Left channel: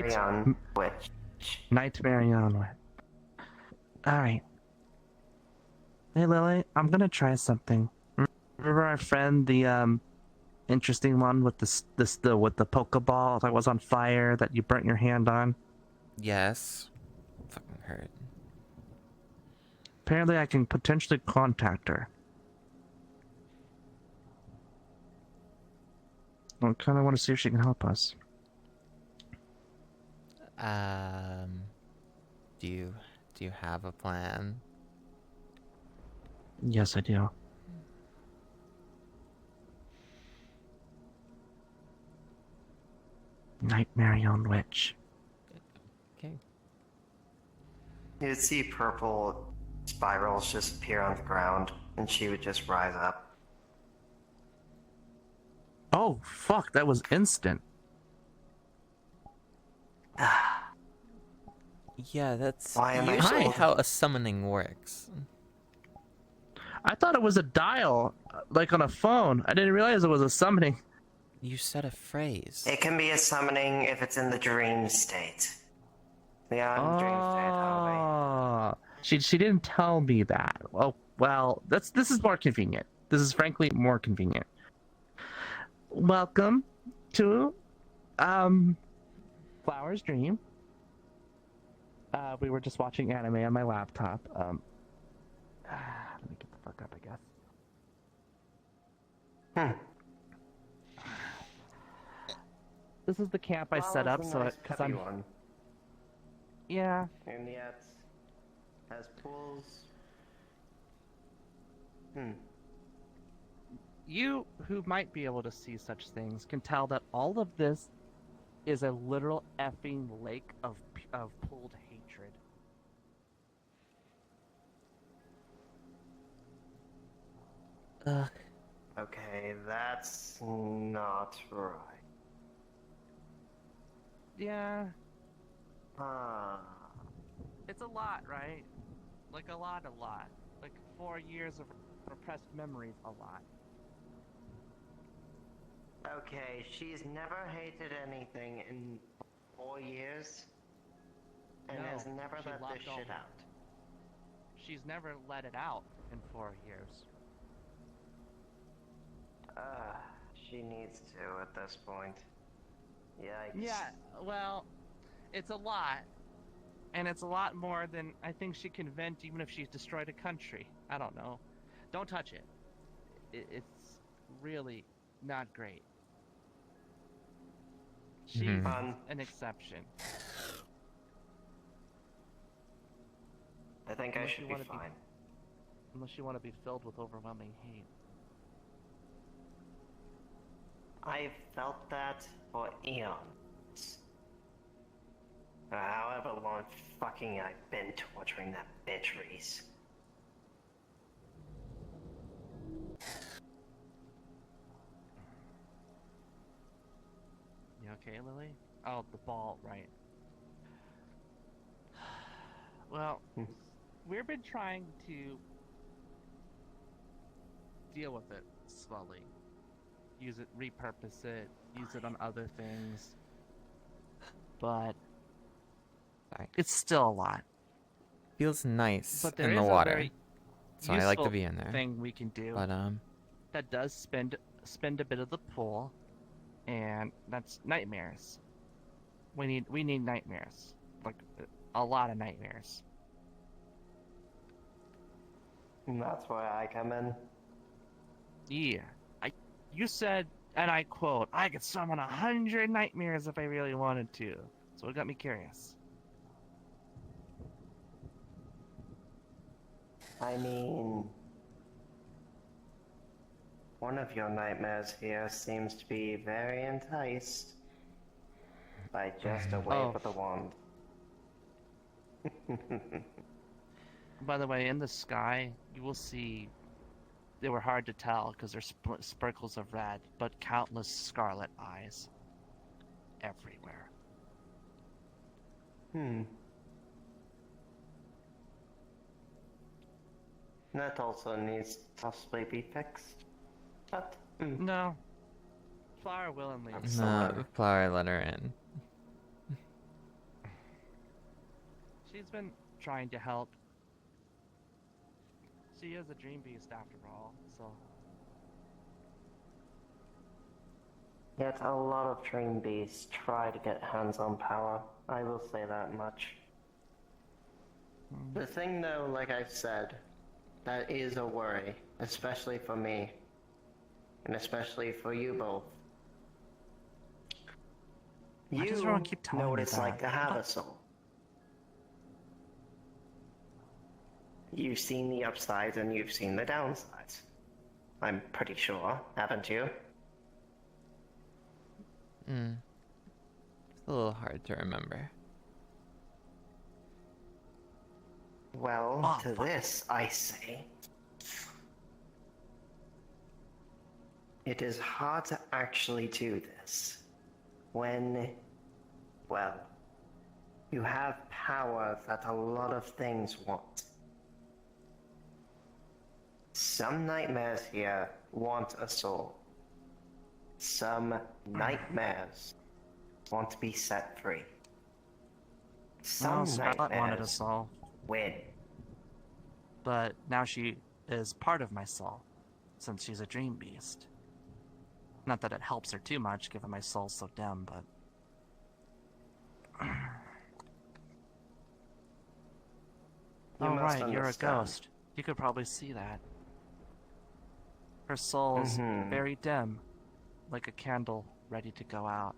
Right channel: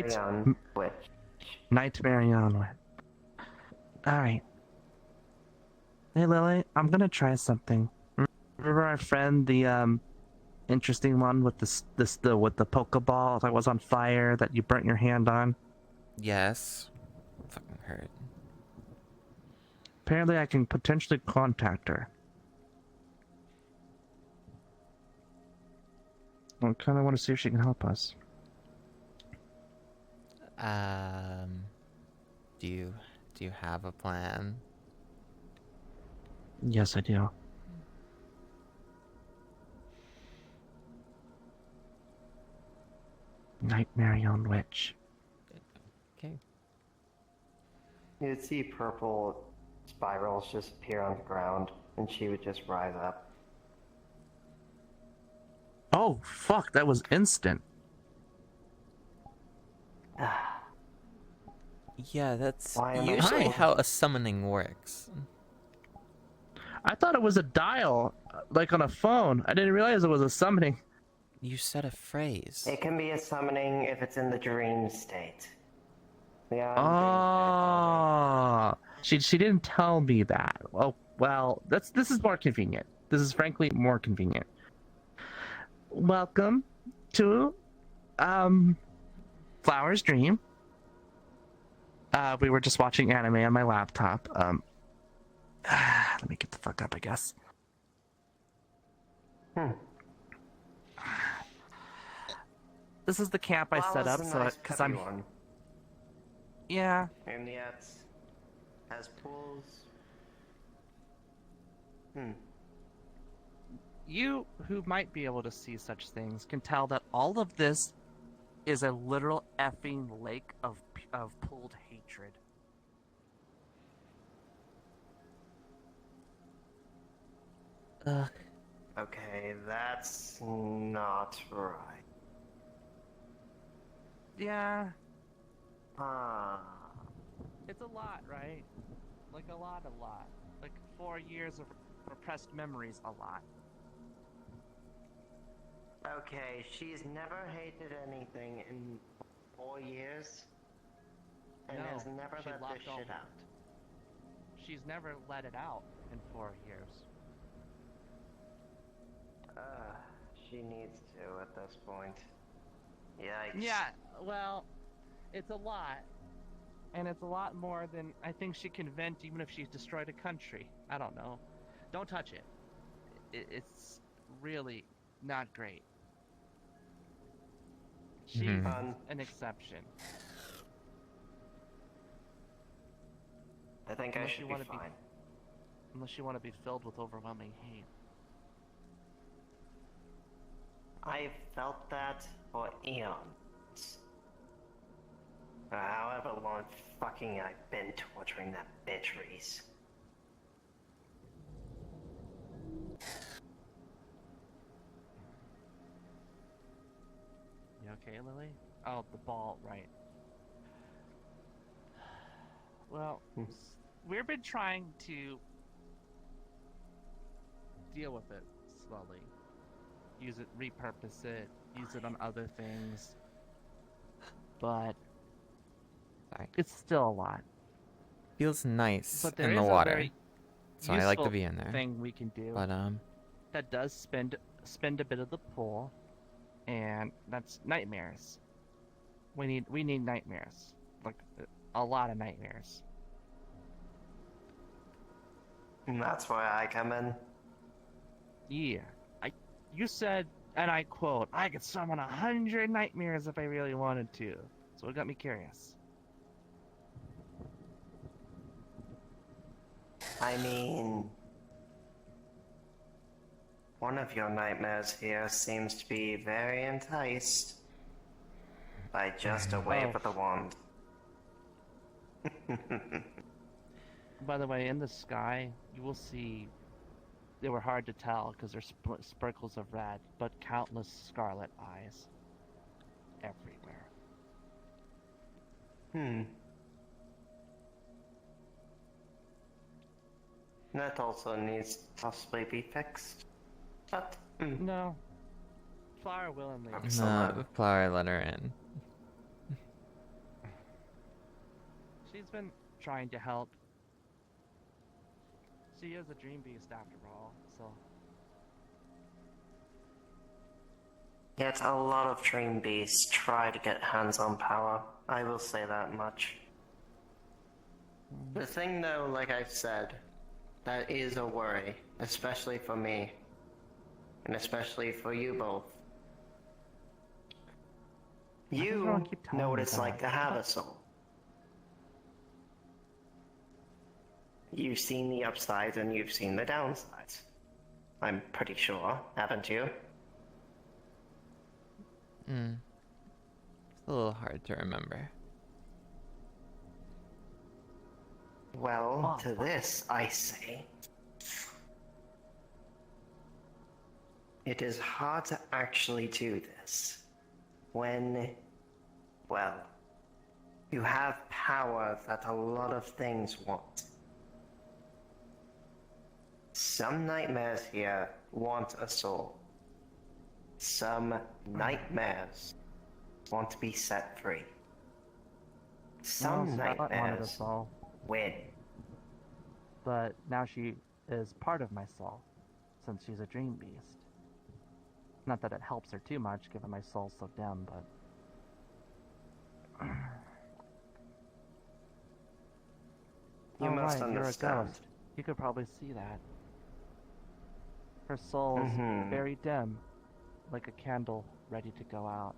on which? Nightmare on. Alright. Hey Lily, I'm gonna try something. Remember our friend, the interesting one with with the Pokeball that was on fire that you burnt your hand on? Yes. Fucking hurt. Apparently I can potentially contact her. I kind of want to see if she can help us. Do you have a plan? Yes, I do. Nightmare on Witch. Okay. You'd see purple spirals just appear on the ground, and she would just rise up. Oh, fuck, that was instant. Yeah, that's Why am I usually so- how a summoning works. I thought it was a dial, like on a phone. I didn't realize it was a summoning. You said a phrase. It can be a summoning if it's in the dream state. Yeah, Oh, she didn't tell me that. Oh, well, this is more convenient. This is frankly more convenient. Welcome to Flower's Dream. We were just watching anime on my laptop. Let me get the fuck up, I guess. This is the camp I set up, so because I'm. One. Yeah. And yet, has pools. You, who might be able to see such things, can tell that all of this is a literal effing lake of pooled hatred. Okay, that's not right. Yeah, Ah. it's a lot, right? Like a lot. Like 4 years of repressed memories, a lot. Okay, she's never hated anything in 4 years, and No, has never she let this locked all shit that. out. She's never let it out in 4 years. She needs to at this point. Yikes. Yeah, well, it's a lot. And it's a lot more than I think she can vent even if she's destroyed a country. I don't know. Don't touch it. It's really not great. She's an exception. I think I Unless should you be wanna be- fine. Unless you want to be filled with overwhelming hate. I've felt that for eons. However long fucking I've been torturing that bitch Reese. You okay, Lily? Oh, the ball, right. Well, we've been trying to deal with it slowly. Use it, repurpose it, use it on other things. But it's still a lot. Feels nice But there in is the a water, very so I like to useful be in there. thing we can do. But that does spend a bit of the pool, and that's nightmares. We need nightmares, like a lot of nightmares. And that's why I come in. Yeah, you said, and I quote, I could summon 100 nightmares if I really wanted to. So it got me curious. I mean, one of your nightmares here seems to be very enticed by just a wave of the wand. By the way, in the sky, you will see. They were hard to tell because they're sparkles of red, but countless scarlet eyes everywhere. That also needs to possibly be fixed. But No, Flower willingly. no, Flower let her in. She's been trying to help. She is a dream beast after all, so. Yet a lot of dream beasts try to get hands on power. I will say that much. The thing though, like I've said, that is a worry, especially for me. And especially for you both. Why does You everyone keep telling know what me it's that? like to have a soul. You've seen the upsides and you've seen the downsides. I'm pretty sure, haven't you? It's a little hard to remember. Well, to this I say, it is hard to actually do this when, well, you have power that a lot of things want. Some nightmares here want a soul. Some nightmares want to be set free. Some Scarlet wanted a nightmares soul, win. but now she is part of my soul, since she's a dream beast. Not that it helps her too much, given my soul's so dim, but... You must you're a understand. ghost. You could probably see that. Her soul is very dim, like a candle ready to go out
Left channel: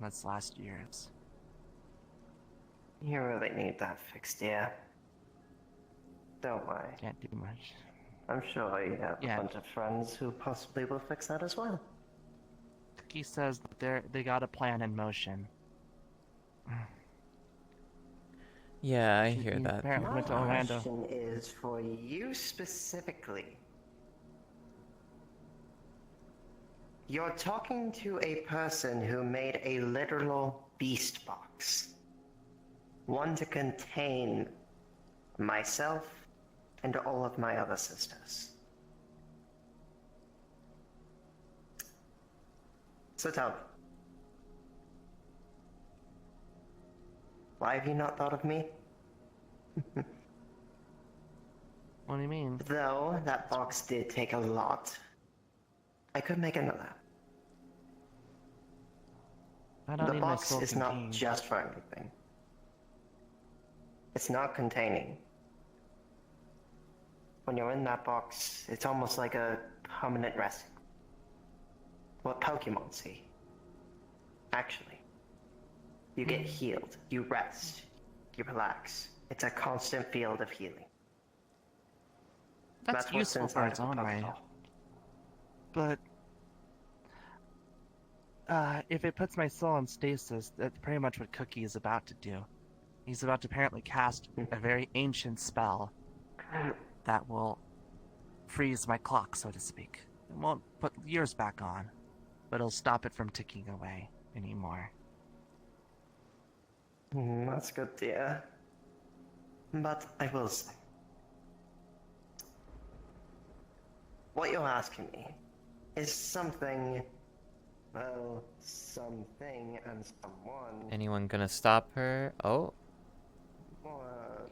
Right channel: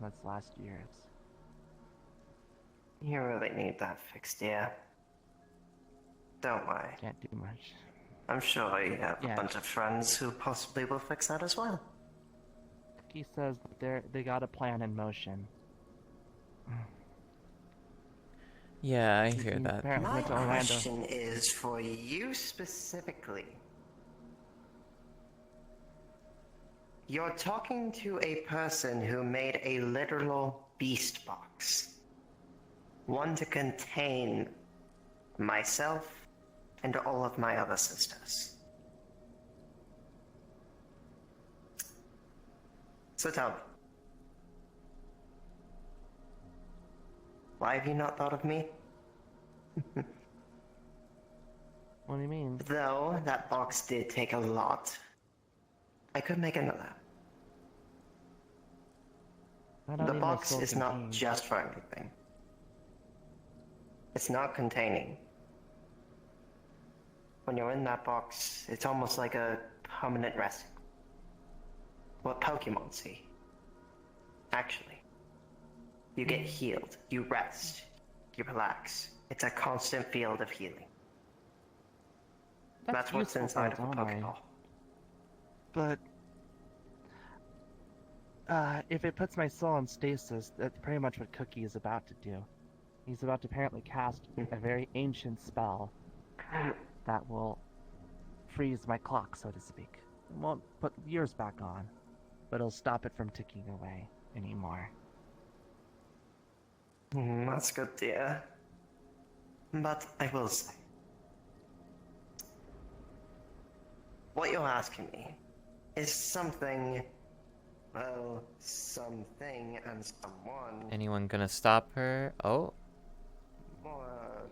in its last years. You really need that fixed, dear. Don't worry. Can't do much. I'm sure you have Yeah. a bunch of friends who possibly will fix that as well. He says that they got a plan in motion. Yeah, I hear that. Apparently My went to Orlando. question is for you specifically. You're talking to a person who made a literal beast box. One to contain myself and all of my other sisters. So tell me. Why have you not thought of me? What do you mean? Though that box did take a lot, I could make another. I don't The need my box soul is not contained. just for everything. It's not containing. When you're in that box, it's almost like a permanent rest. What Pokemon see. Actually, you get healed, you rest, you relax. It's a constant field of healing. That's what's useful for inside its of a own way. Pokeball. But if it puts my soul in stasis, that's pretty much what Cookie is about to do. He's about to apparently cast a very ancient spell that will freeze my clock, so to speak. It won't put years back on, but it'll stop it from ticking away anymore. That's good, dear. But I will say, what you're asking me is something, well, something and someone Anyone gonna stop her? Oh, more.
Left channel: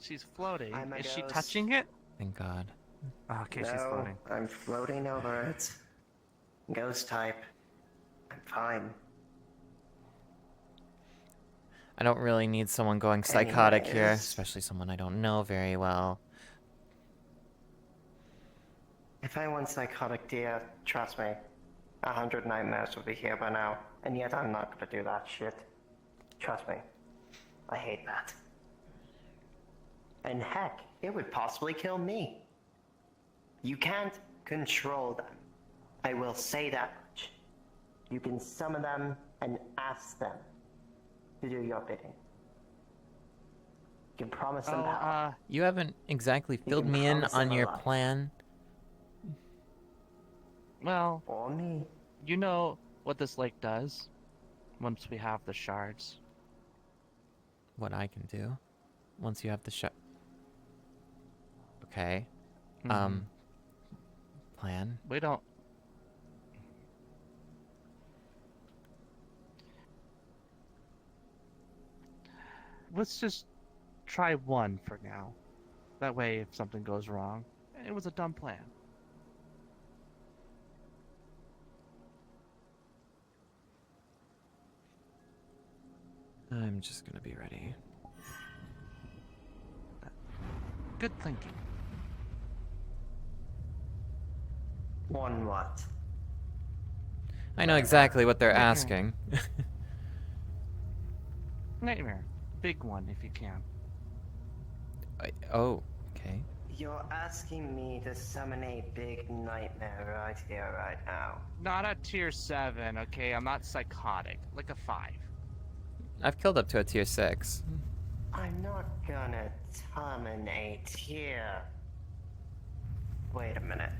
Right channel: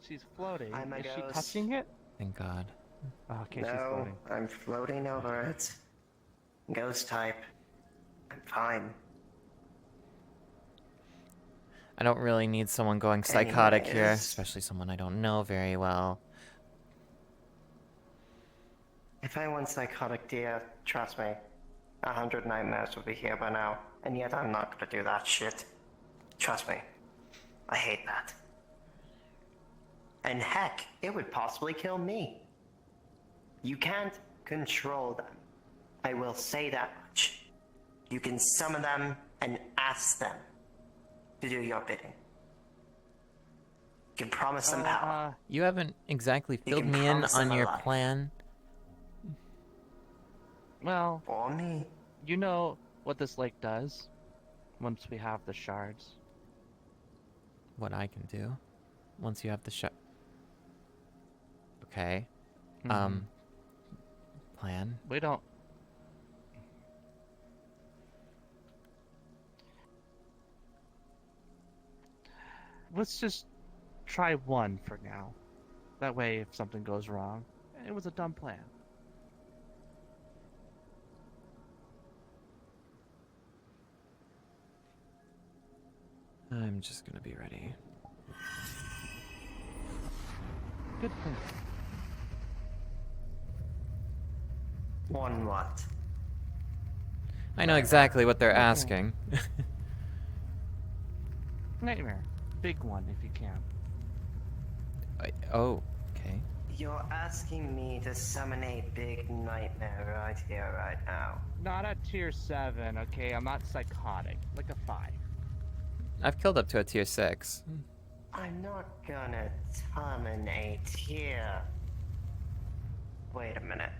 She's floating. I'm a Is she ghost. touching it? thank God. Okay, she's No, floating. I'm floating over it. Ghost type. I'm fine. I don't really need someone going psychotic here, Anyways. especially someone I don't know very well. If I went psychotic, dear, trust me, 100 nightmares would be here by now, and yet I'm not gonna do that shit. Trust me. I hate that. And heck, it would possibly kill me. You can't control them. I will say that much. You can summon them and ask them to do your bidding. You can promise them power. You haven't exactly You filled can me in promise on them a your life. plan. Well, Or me. you know what this lake does once we have the shards. What I can do once you have the shot. Okay. Plan. We don't. let's just try one for now. That way, if something goes wrong, it was a dumb plan. I'm just gonna be ready. Good thinking. One what? I know exactly what they're asking. Nightmare. Big one, if you can. Oh, okay. You're asking me to summon a big nightmare right here, right now. Not a tier 7, okay? I'm not psychotic. Like a 5. I've killed up to a tier 6. I'm not gonna terminate here. Wait a minute.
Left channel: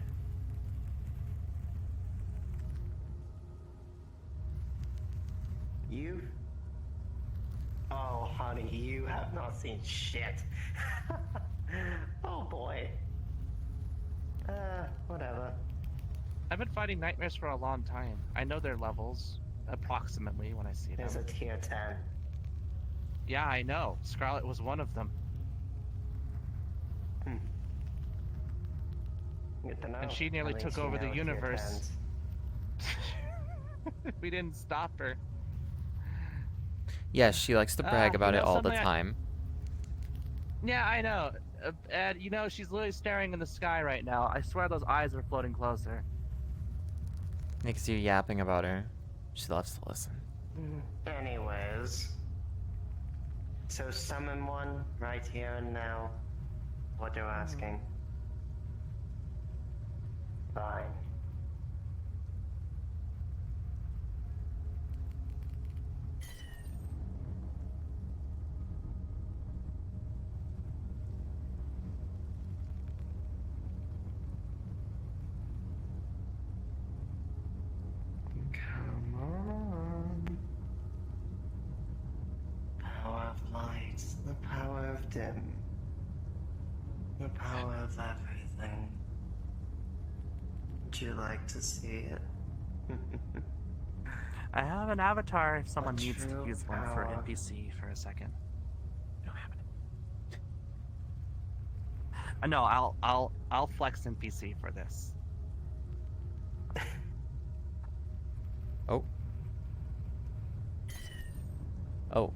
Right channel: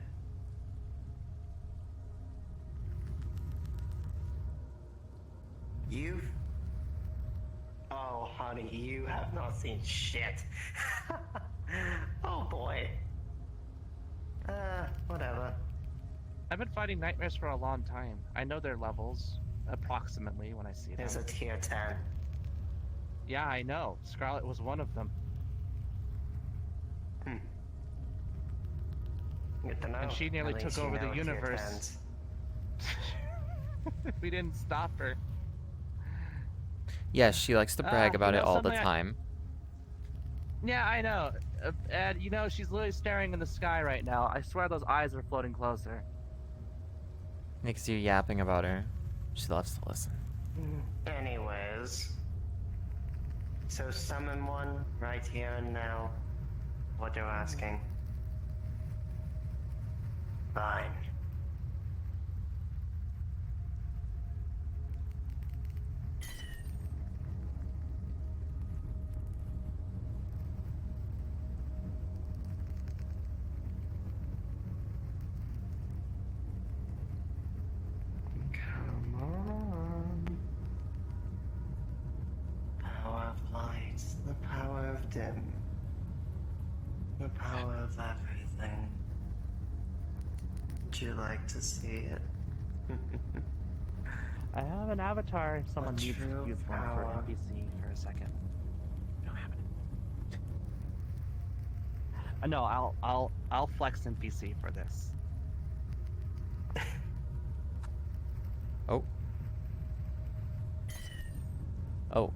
You? Oh, honey, you have not seen shit. Oh boy. Whatever. I've been fighting nightmares for a long time. I know their levels, approximately, when I see them. There's a tier 10. Yeah, I know. Scarlet was one of them. Good to know. And she nearly At took least you over the know tier universe. 10s. We didn't stop her. Yes, she likes to brag about you it know all the something time. Yeah, I know. And, you know, she's literally staring in the sky right now. I swear those eyes are floating closer. Makes you yapping about her. She loves to listen. Anyways. So summon one right here and now. What you're asking. Fine. Come on. Power of light, the power of dim, the power of everything. Would you like to see it? I have an avatar if someone A needs to true use one for power. NPC for a second. I don't have it. No, I'll flex NPC for this. Oh. Oh.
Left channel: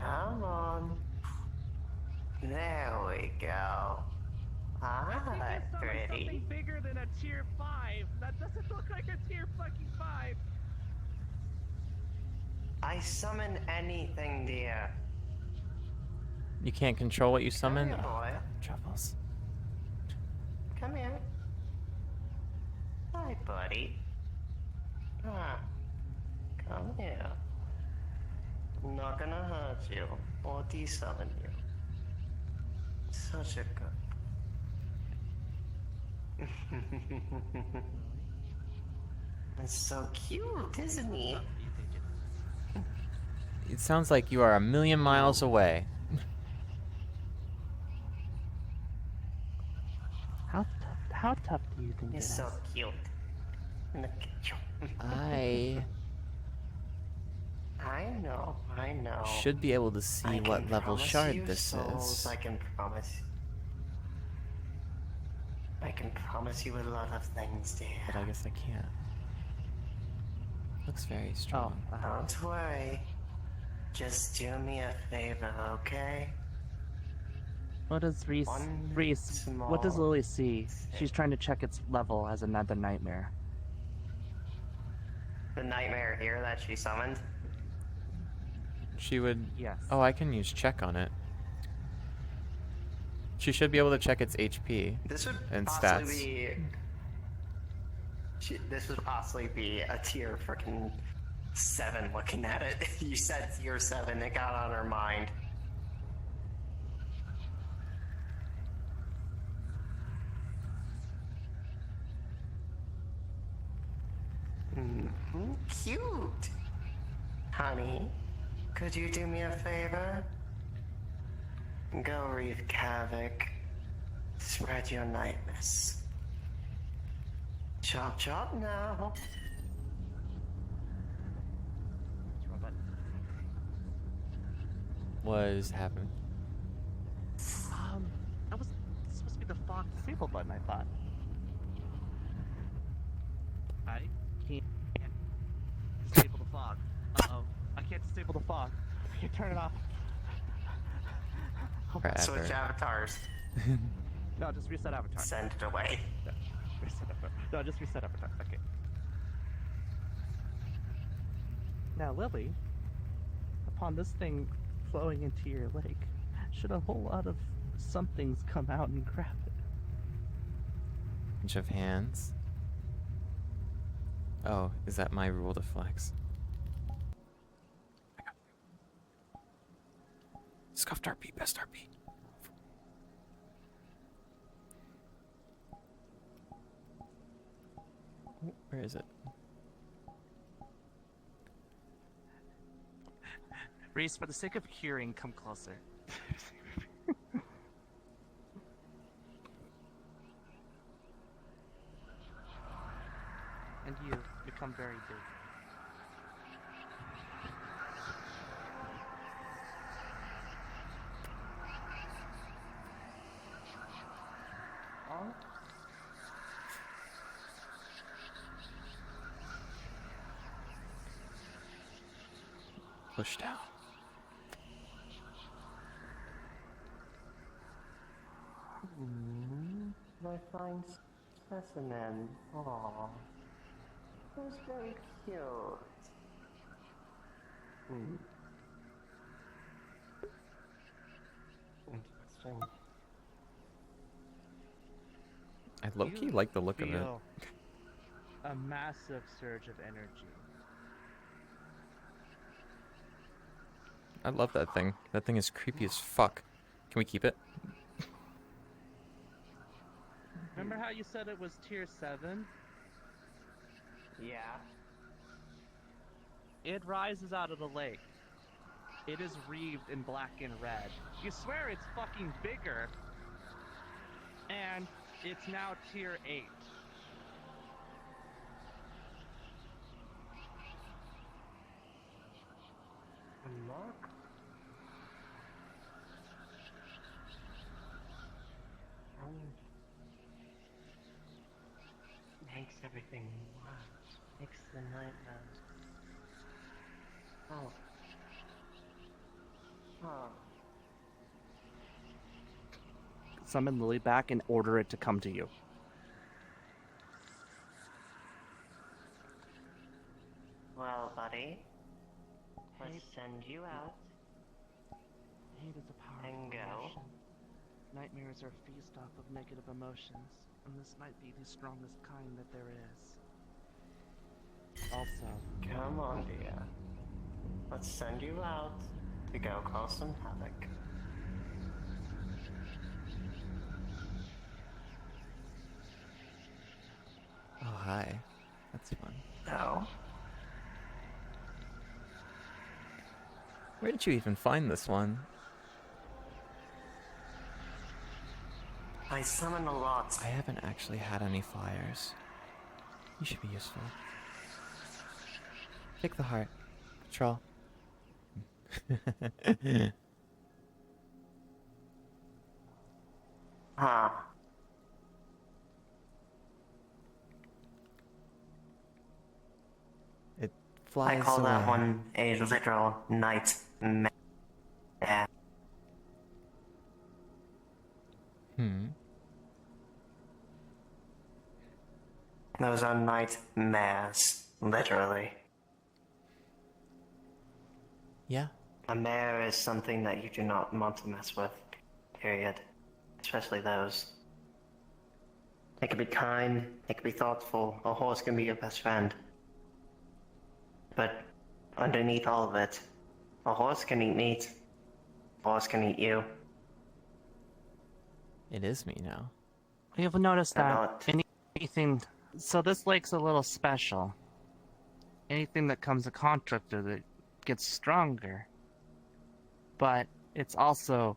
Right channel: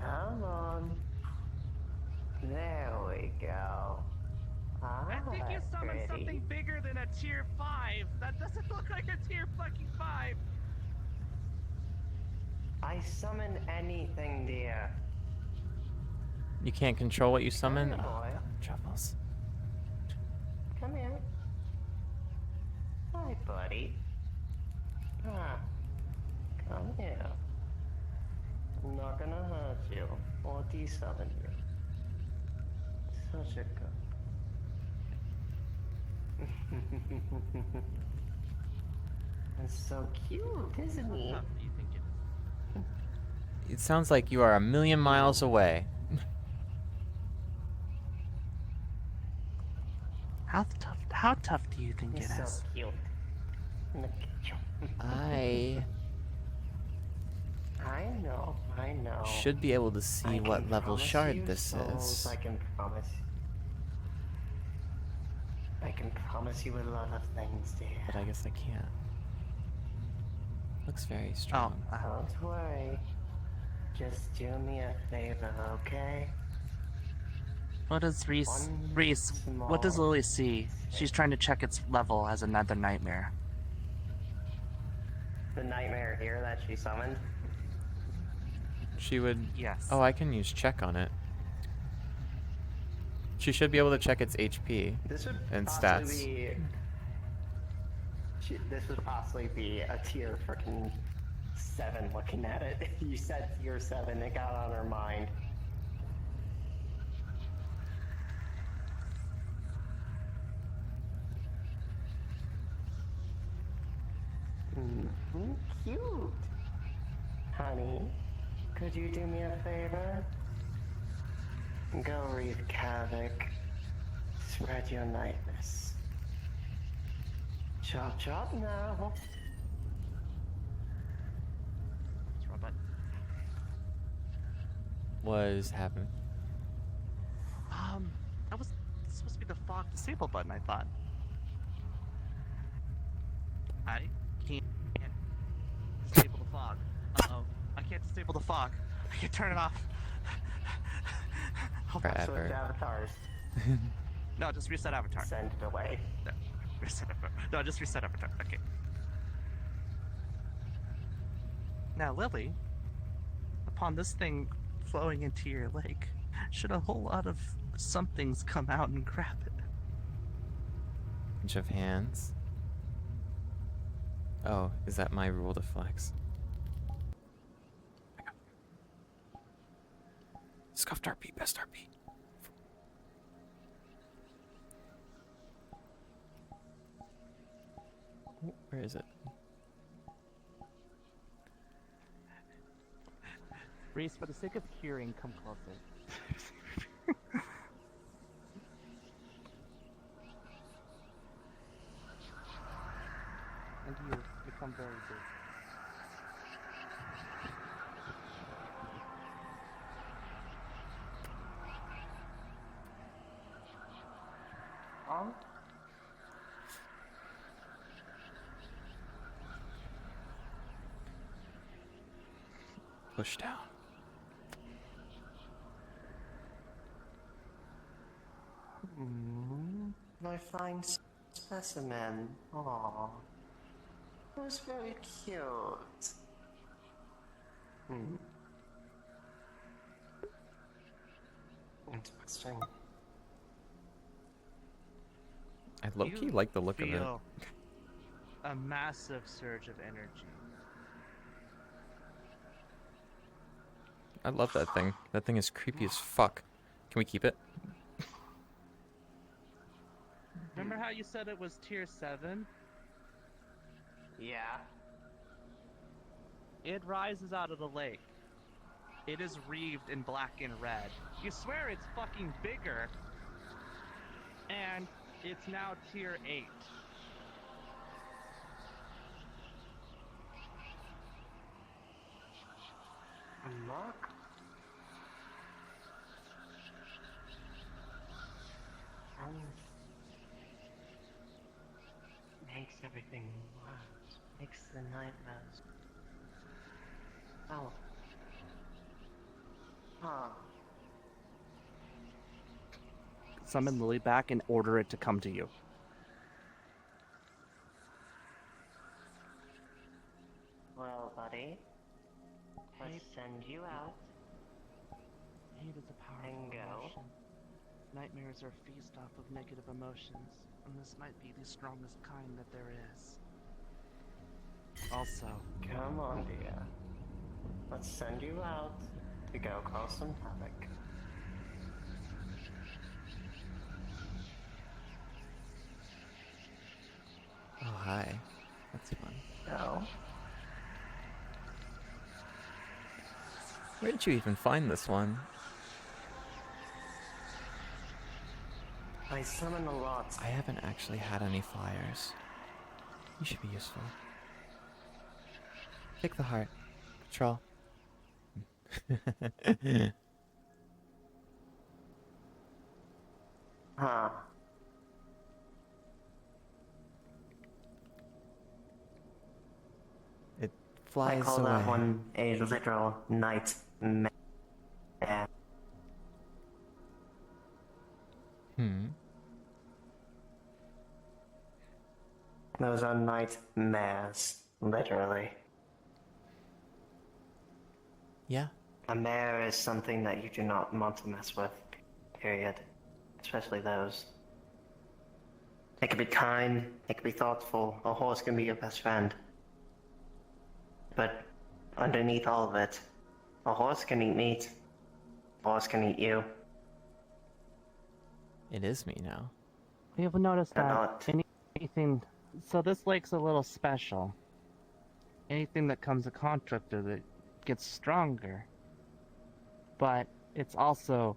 Come on. There we go. Pretty. bigger than a tier 5. That doesn't look like a tier fucking 5. I summon anything, dear. You can't control what you summon? Hey, Oh, boy. God, troubles. Come here. Hi, buddy. Come here. I'm not gonna hurt you or desummon you. Such a good. It's so cute, isn't he? How tough do you think it is? It sounds like you are a million miles away. How tough do you think He's it so is? cute. Look at you. I I know. should be able to see I what can level promise shard you this souls, is. I can promise you a lot of things, dear. But I guess I can't. Looks very strong. Don't worry. Just do me a favor, okay? What does Reese? What does Lily see? She's trying to check its level as another nightmare. The nightmare here that she summoned. She would... Yes. Oh, I can use check on it. She should be able to check its HP This would and possibly stats. This would possibly be a tier freaking 7 looking at it. You said tier 7, it got on her mind. Cute! Honey, could you do me a favor? Go wreak havoc. Spread your nightness. Chop chop now. was happening? That was supposed to be the fog disable button, I thought. I can't disable the fog. Uh-oh. I can't disable the fog. I can turn it off. Switch Forever. avatars. No, just reset avatar. Send it away. No, reset avatar. No, just reset avatar. Okay. Now, Lily, upon this thing flowing into your lake, should a whole lot of somethings come out and grab it? Bunch of hands. Oh, is that my rule to flex? Scuffed RP, best RP. Oh, where is it? Reese, for the sake of hearing, come closer. And you become very big. Push down. My fine specimen. Aww. That was very cute. Interesting. I low-key like the look of it. Feel a massive surge of energy. I love that thing. That thing is creepy as fuck. Can we keep it? Remember how you said it was tier 7? Yeah. It rises out of the lake. It is wreathed in black and red. You swear it's fucking bigger. And it's now tier 8. Look. Makes everything worse. Makes the nightmares. Oh. Huh. Summon Lily back and order it to come to you. Well, buddy. Let's send you out. Hate is a powerful And go. emotion. Nightmares are a feast off of negative emotions, and this might be the strongest kind that there is. Also, Come on, dear. Let's send you out to go cause some havoc. Oh, hi. That's fun. No. Where did you even find this one? I summon a lot. I haven't actually had any flyers. You should be useful. Take the heart. Patrol. Huh. It I flies call away. that one a literal nightmare. Those are nightmares, literally. Yeah. A mare is something that you do not want to mess with, period. Especially those. It can be kind, it can be thoughtful, a horse can be your best friend. But underneath all of it, a horse can eat meat. A horse can eat you. It is me now. we have noticed And that not. anything. So this lake's a little special. Anything that comes in contact with it gets stronger. But it's also,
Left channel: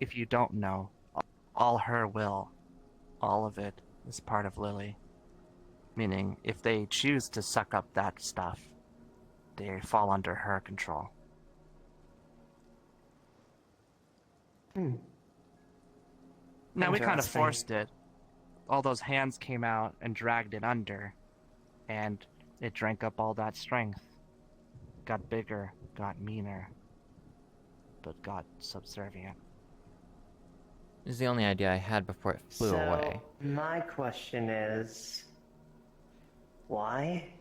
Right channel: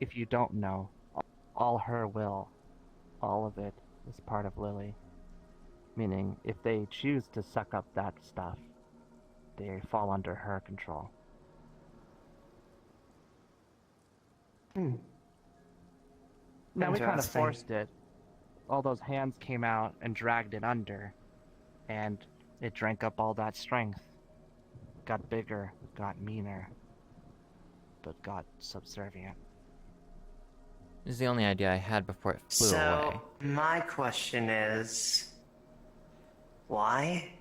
if you don't know, all her will. All of it is part of Lily. Meaning, if they choose to suck up that stuff, they fall under her control. Hmm. No, we kind of Interesting. forced it. All those hands came out and dragged it under, and it drank up all that strength. Got bigger, got meaner, but got subservient. This is the only idea I had before it flew away. My question is, why?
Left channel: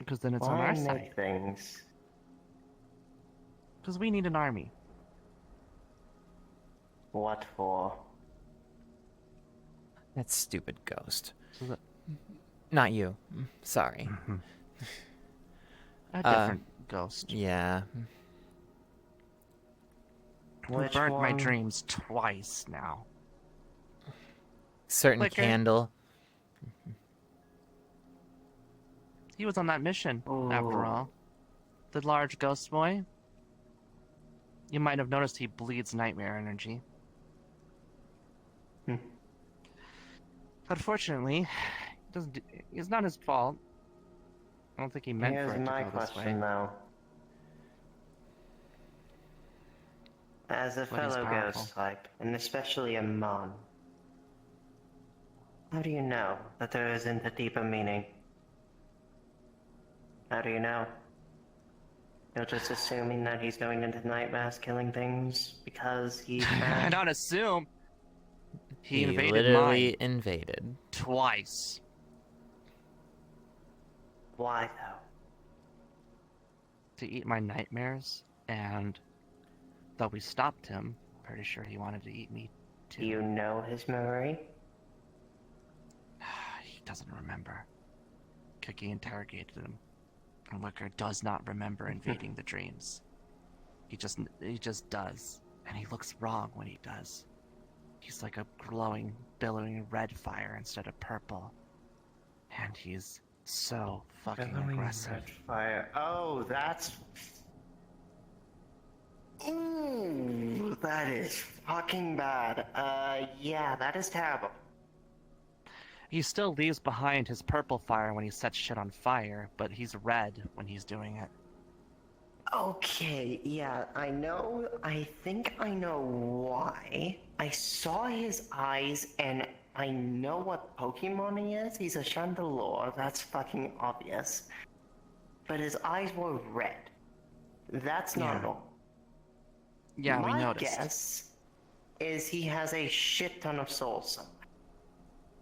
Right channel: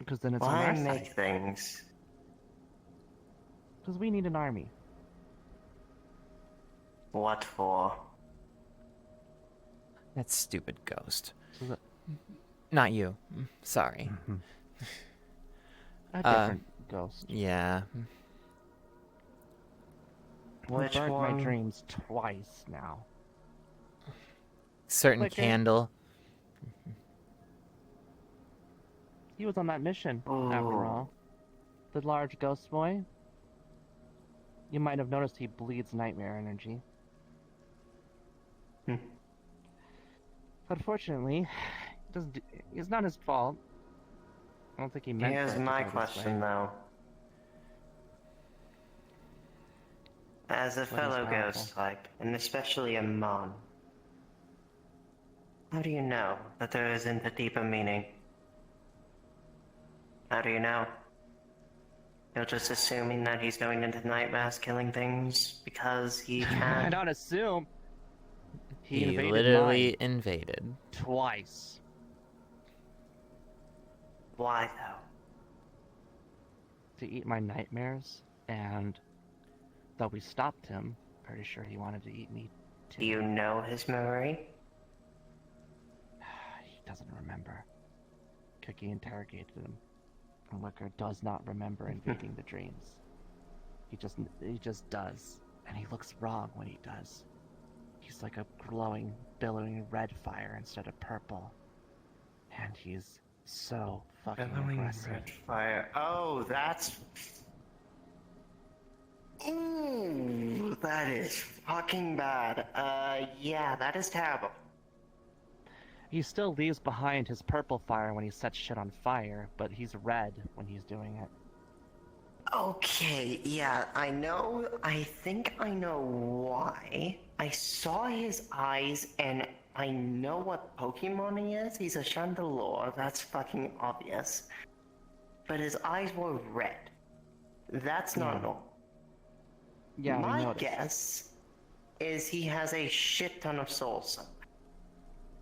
Because then it's on Why our make side. things? Because we need an army. What for? That stupid ghost. So that- Not you. Sorry. A different ghost. Yeah. Who Which burnt my one? dreams twice now. Certain Liquor. candle. He was on that mission, after Ooh. all. The large ghost boy. You might have noticed he bleeds nightmare energy. Hmm. Unfortunately, it's not his fault. I don't think he meant Here's for it to my go this way. question, though. As a But he's fellow powerful. ghost type, and especially a mon, how do you know that there isn't a deeper meaning? How do you know? You're just assuming that he's going into nightmares killing things because he I can? don't assume. He He invaded literally mine invaded. twice. Why, though? To eat my nightmares, and though we stopped him, pretty sure he wanted to eat me too. Do you know his memory? He doesn't remember. Cookie interrogated him. And Wicker does not remember invading the dreams. He just does. And he looks wrong when he does. He's like a glowing, billowing red fire instead of purple. And he's so fucking Billowing aggressive. red fire. Oh, that's... Ooh, that is fucking bad. Yeah, that is terrible. He still leaves behind his purple fire when he sets shit on fire, but he's red when he's doing it. Okay, yeah, I think I know why. I saw his eyes and I know what Pokemon he is. He's a Chandelure, that's fucking obvious. But his eyes were red. That's not Yeah. normal. Yeah, My we noticed. guess is he has a shit ton of souls somewhere.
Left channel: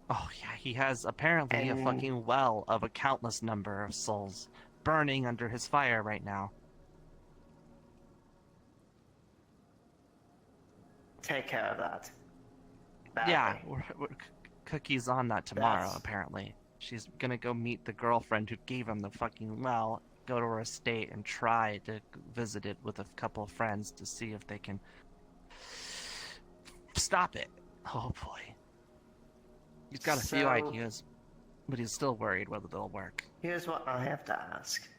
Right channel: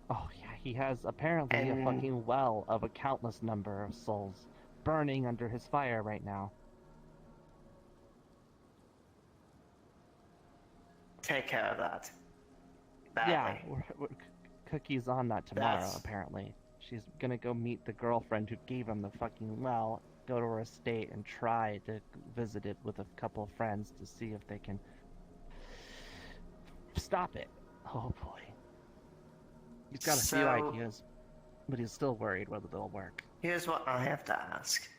Oh yeah, he has apparently a And- fucking well of a countless number of souls burning under his fire right now. Take care of that. Yeah, Badly. Cookie's on that tomorrow, That's- apparently. She's gonna go meet the girlfriend who gave him the fucking well, go to her estate and try to visit it with a couple of friends to see if they can stop it. Hopefully. He's got a few So- ideas, but he's still worried whether they'll work. Here's what I have to ask.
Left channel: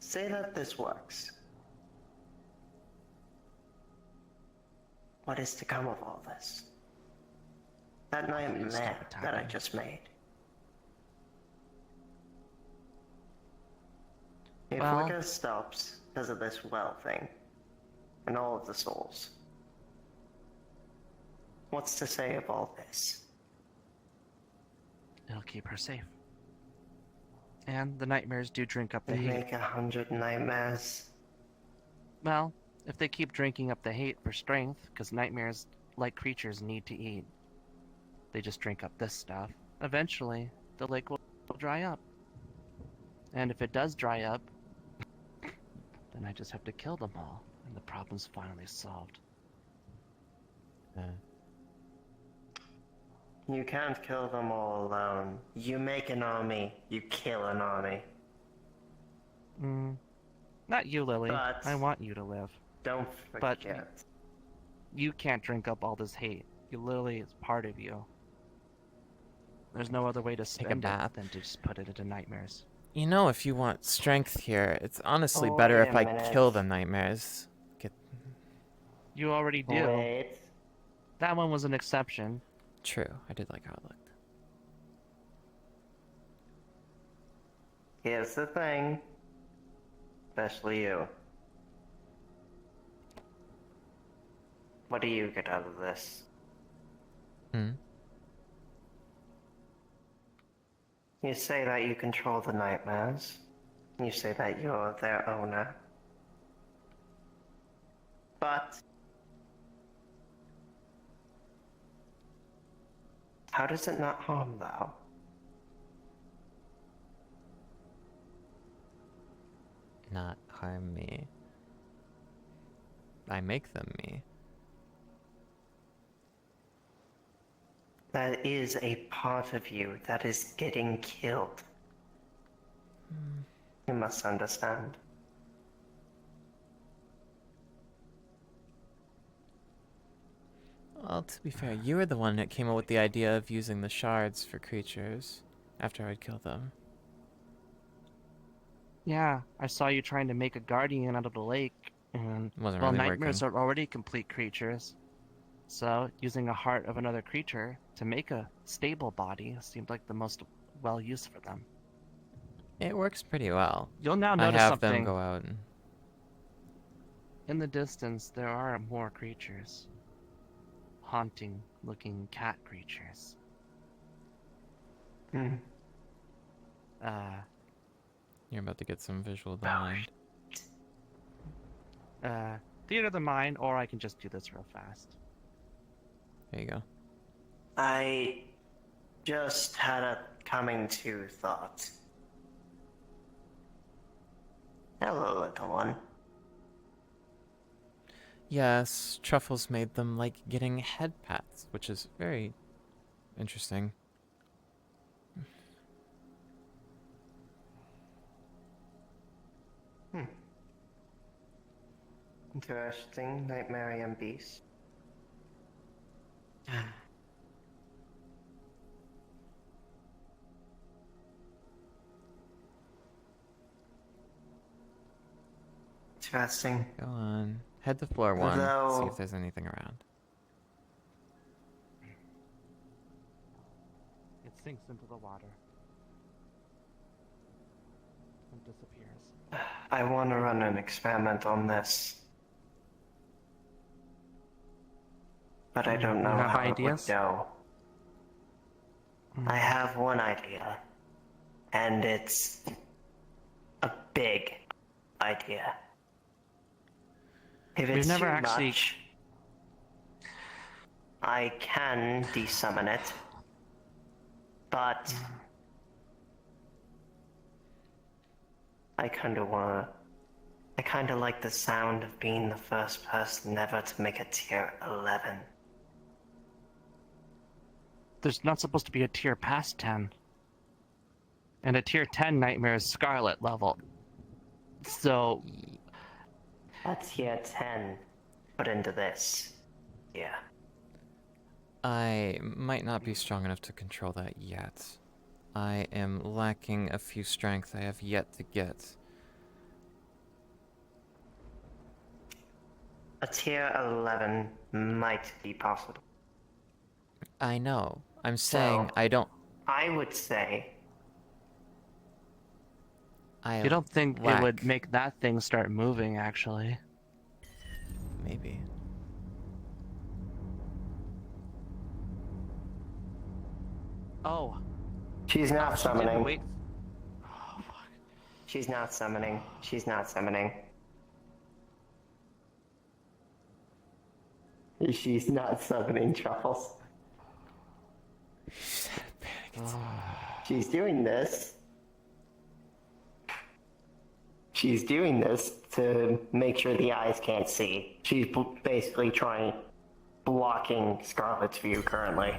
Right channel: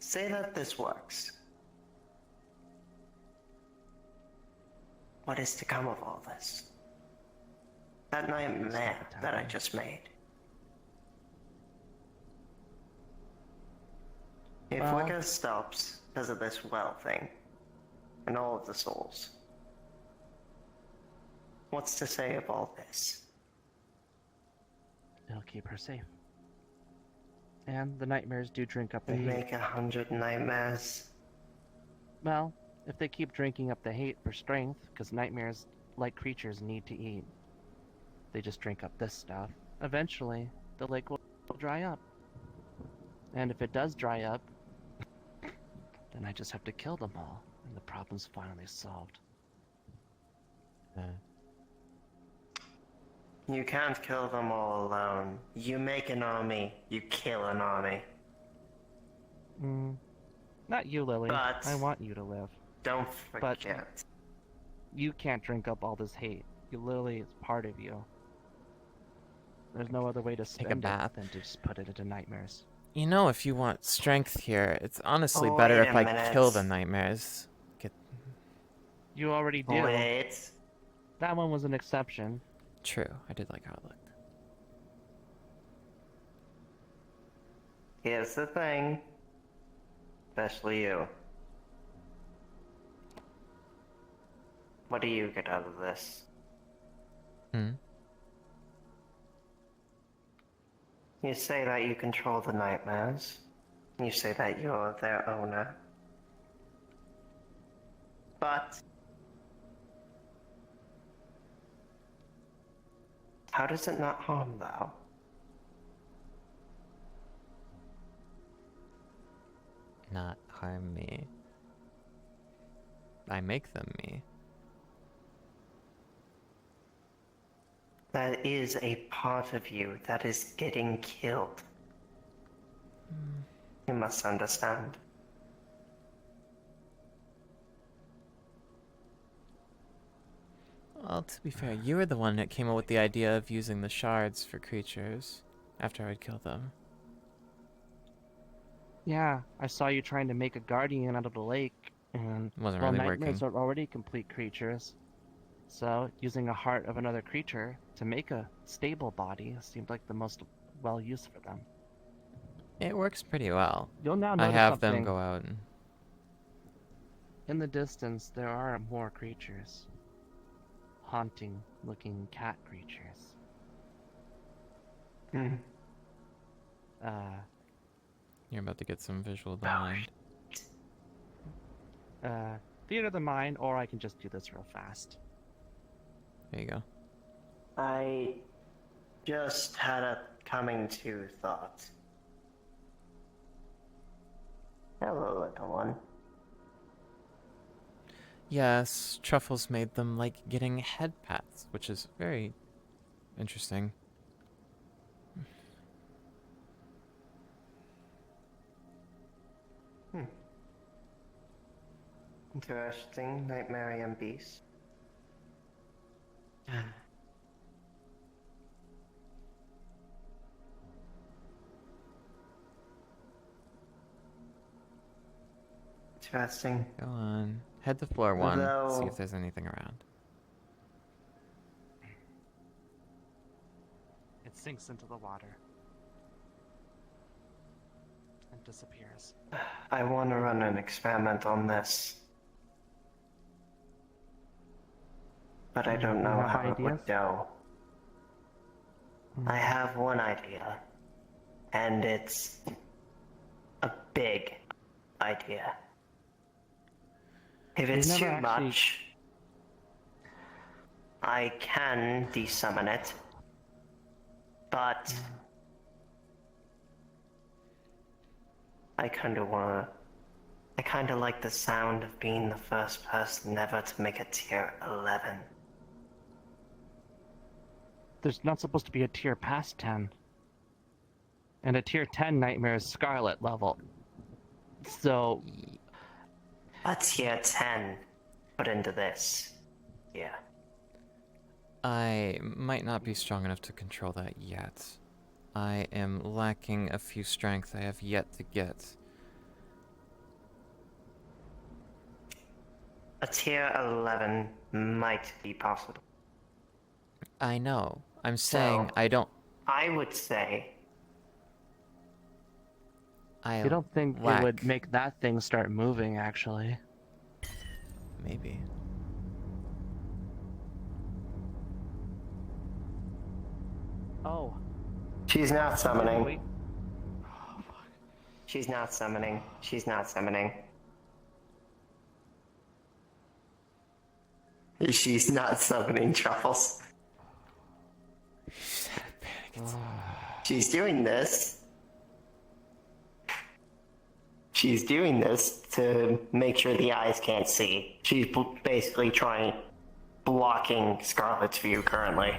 Say that this works. What is to come of all this? That nightmare Stop that I attacking. just made. If Well- Wicca stops because of this well thing, and all of the souls, what's to say of all this? It'll keep her safe. And the nightmares do drink up the And hate. make 100 nightmares? Well, if they keep drinking up the hate for strength, because nightmares, like creatures, need to eat, they just drink up this stuff. Eventually, the lake will dry up. And if it does dry up, then I just have to kill them all, and the problem's finally solved. You can't kill them all alone. You make an army, you kill an army. Not you, Lily. But- I want you to live. Don't But- forget. You can't drink up all this hate. Lily is part of you. There's no other way to Take a spend bath. it than to just put it into nightmares. You know, if you want strength here, it's honestly Oh, better wait if a I minute. kill the nightmares. You already do. Wait. That one was an exception. True, I did like how it looked. Here's the thing. Especially you. What do you get out of this? Hmm? You say that you control the nightmares. You say that you're their owner. But how does it not harm thou? Not harm me. I make them me. That is a part of you that is getting killed. You must understand. Well, to be fair, you were the one that came up with the idea of using the shards for creatures after I'd killed them. Yeah, I saw you trying to make a guardian out of the lake, and It wasn't well, really nightmares working. are already complete creatures. So, using a heart of another creature to make a stable body seemed like the most well used for them. It works pretty well. You'll now I notice have something. them go out and... In the distance, there are more creatures. Haunting-looking cat creatures. Hmm. You're about to get some visual of the mind. Theater of the mind, or I can just do this real fast. There you go. I just had a coming to thought. Hello, little one. Yes, Truffles made them like getting head pats, which is very interesting. Interesting, Nightmare beast. Interesting. Go on. Head to floor 1, see Though- if there's anything around. It sinks into the water. And disappears. I want to run an experiment on this. But I don't know You have how it would ideas? go. I have one idea. And it's a big idea. If it's never too actually- much, I can desummon it. But I kinda like the sound of being the first person ever to make a tier 11. There's not supposed to be a tier past 10. And a tier 10 nightmare is Scarlet level. So, A tier 10 put into this. Yeah. I might not be strong enough to control that yet. I am lacking a few strength I have yet to get. A tier 11 might be possible. I know. I'm saying So- I don't... I would say you don't think lack... it would make that thing start moving, actually? Maybe. Oh. she's not summoning. Wait. She's not summoning. She's not summoning. She's not summoning Truffles. She's doing this. She's doing this to make sure the eyes can't see. She's basically blocking Scarlet's view currently.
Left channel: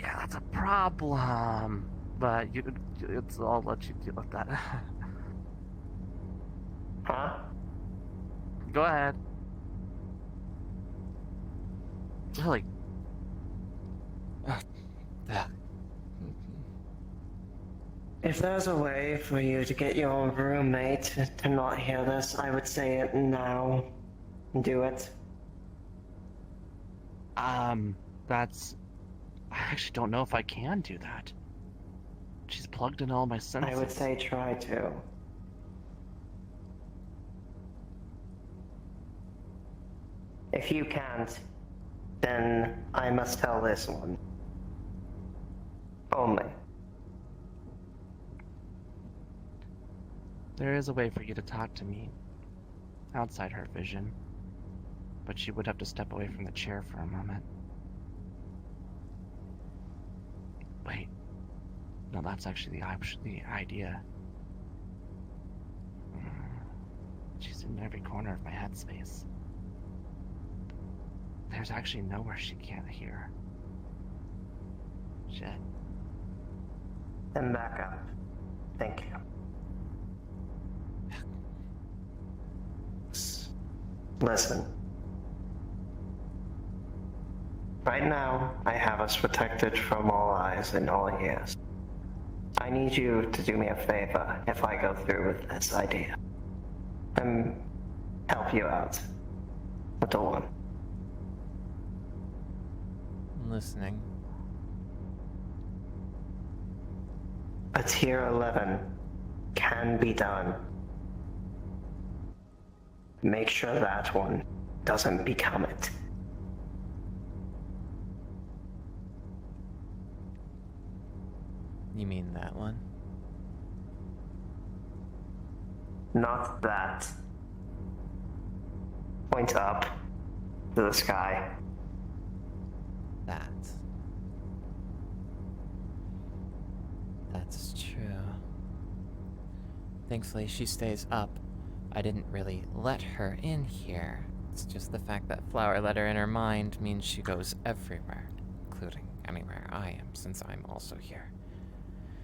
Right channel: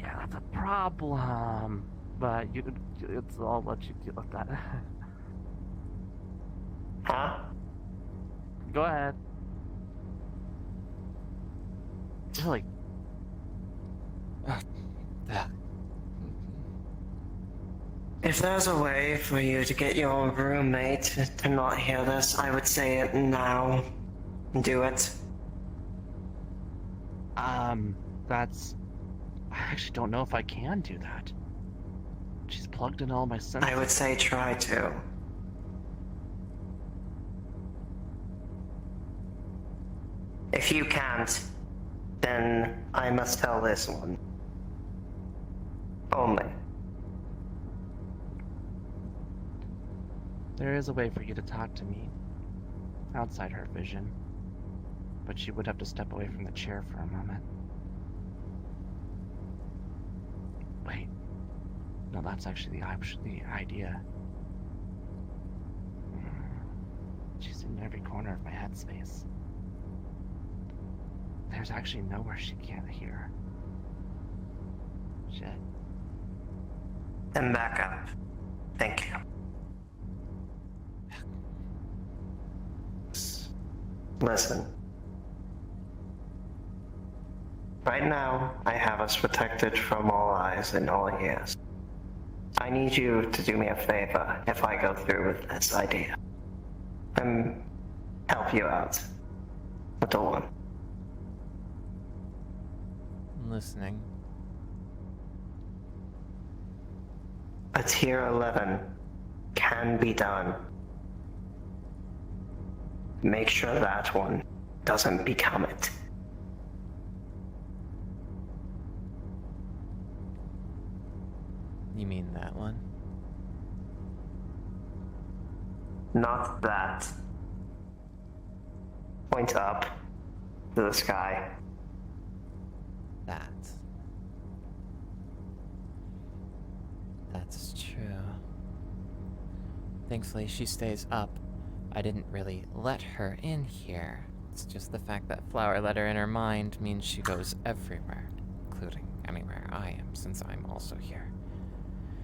Yeah, that's a problem. But I'll let you deal with that. Huh? Go ahead. Lily. If there's a way for you to get your roommate to not hear this, I would say it now. Do it. That's... I actually don't know if I can do that. She's plugged in all my senses. I would say try to. If you can't, then I must tell this one. Only. There is a way for you to talk to me outside her vision, but she would have to step away from the chair for a moment. Wait, no, that's actually the idea. She's in every corner of my headspace. There's actually nowhere she can't hear. Shit. And back up. Thank you. Listen. Right now, I have us protected from all eyes and all ears. I need you to do me a favor if I go through with this idea. And help you out with the one. I'm listening. A tier 11 can be done. Make sure that one doesn't become it. You mean that one? Not that. Point up to the sky. That. That's true. Thankfully, she stays up. I didn't really let her in here. It's just the fact that Flower let her in her mind means she goes everywhere, including anywhere I am, since I'm also here.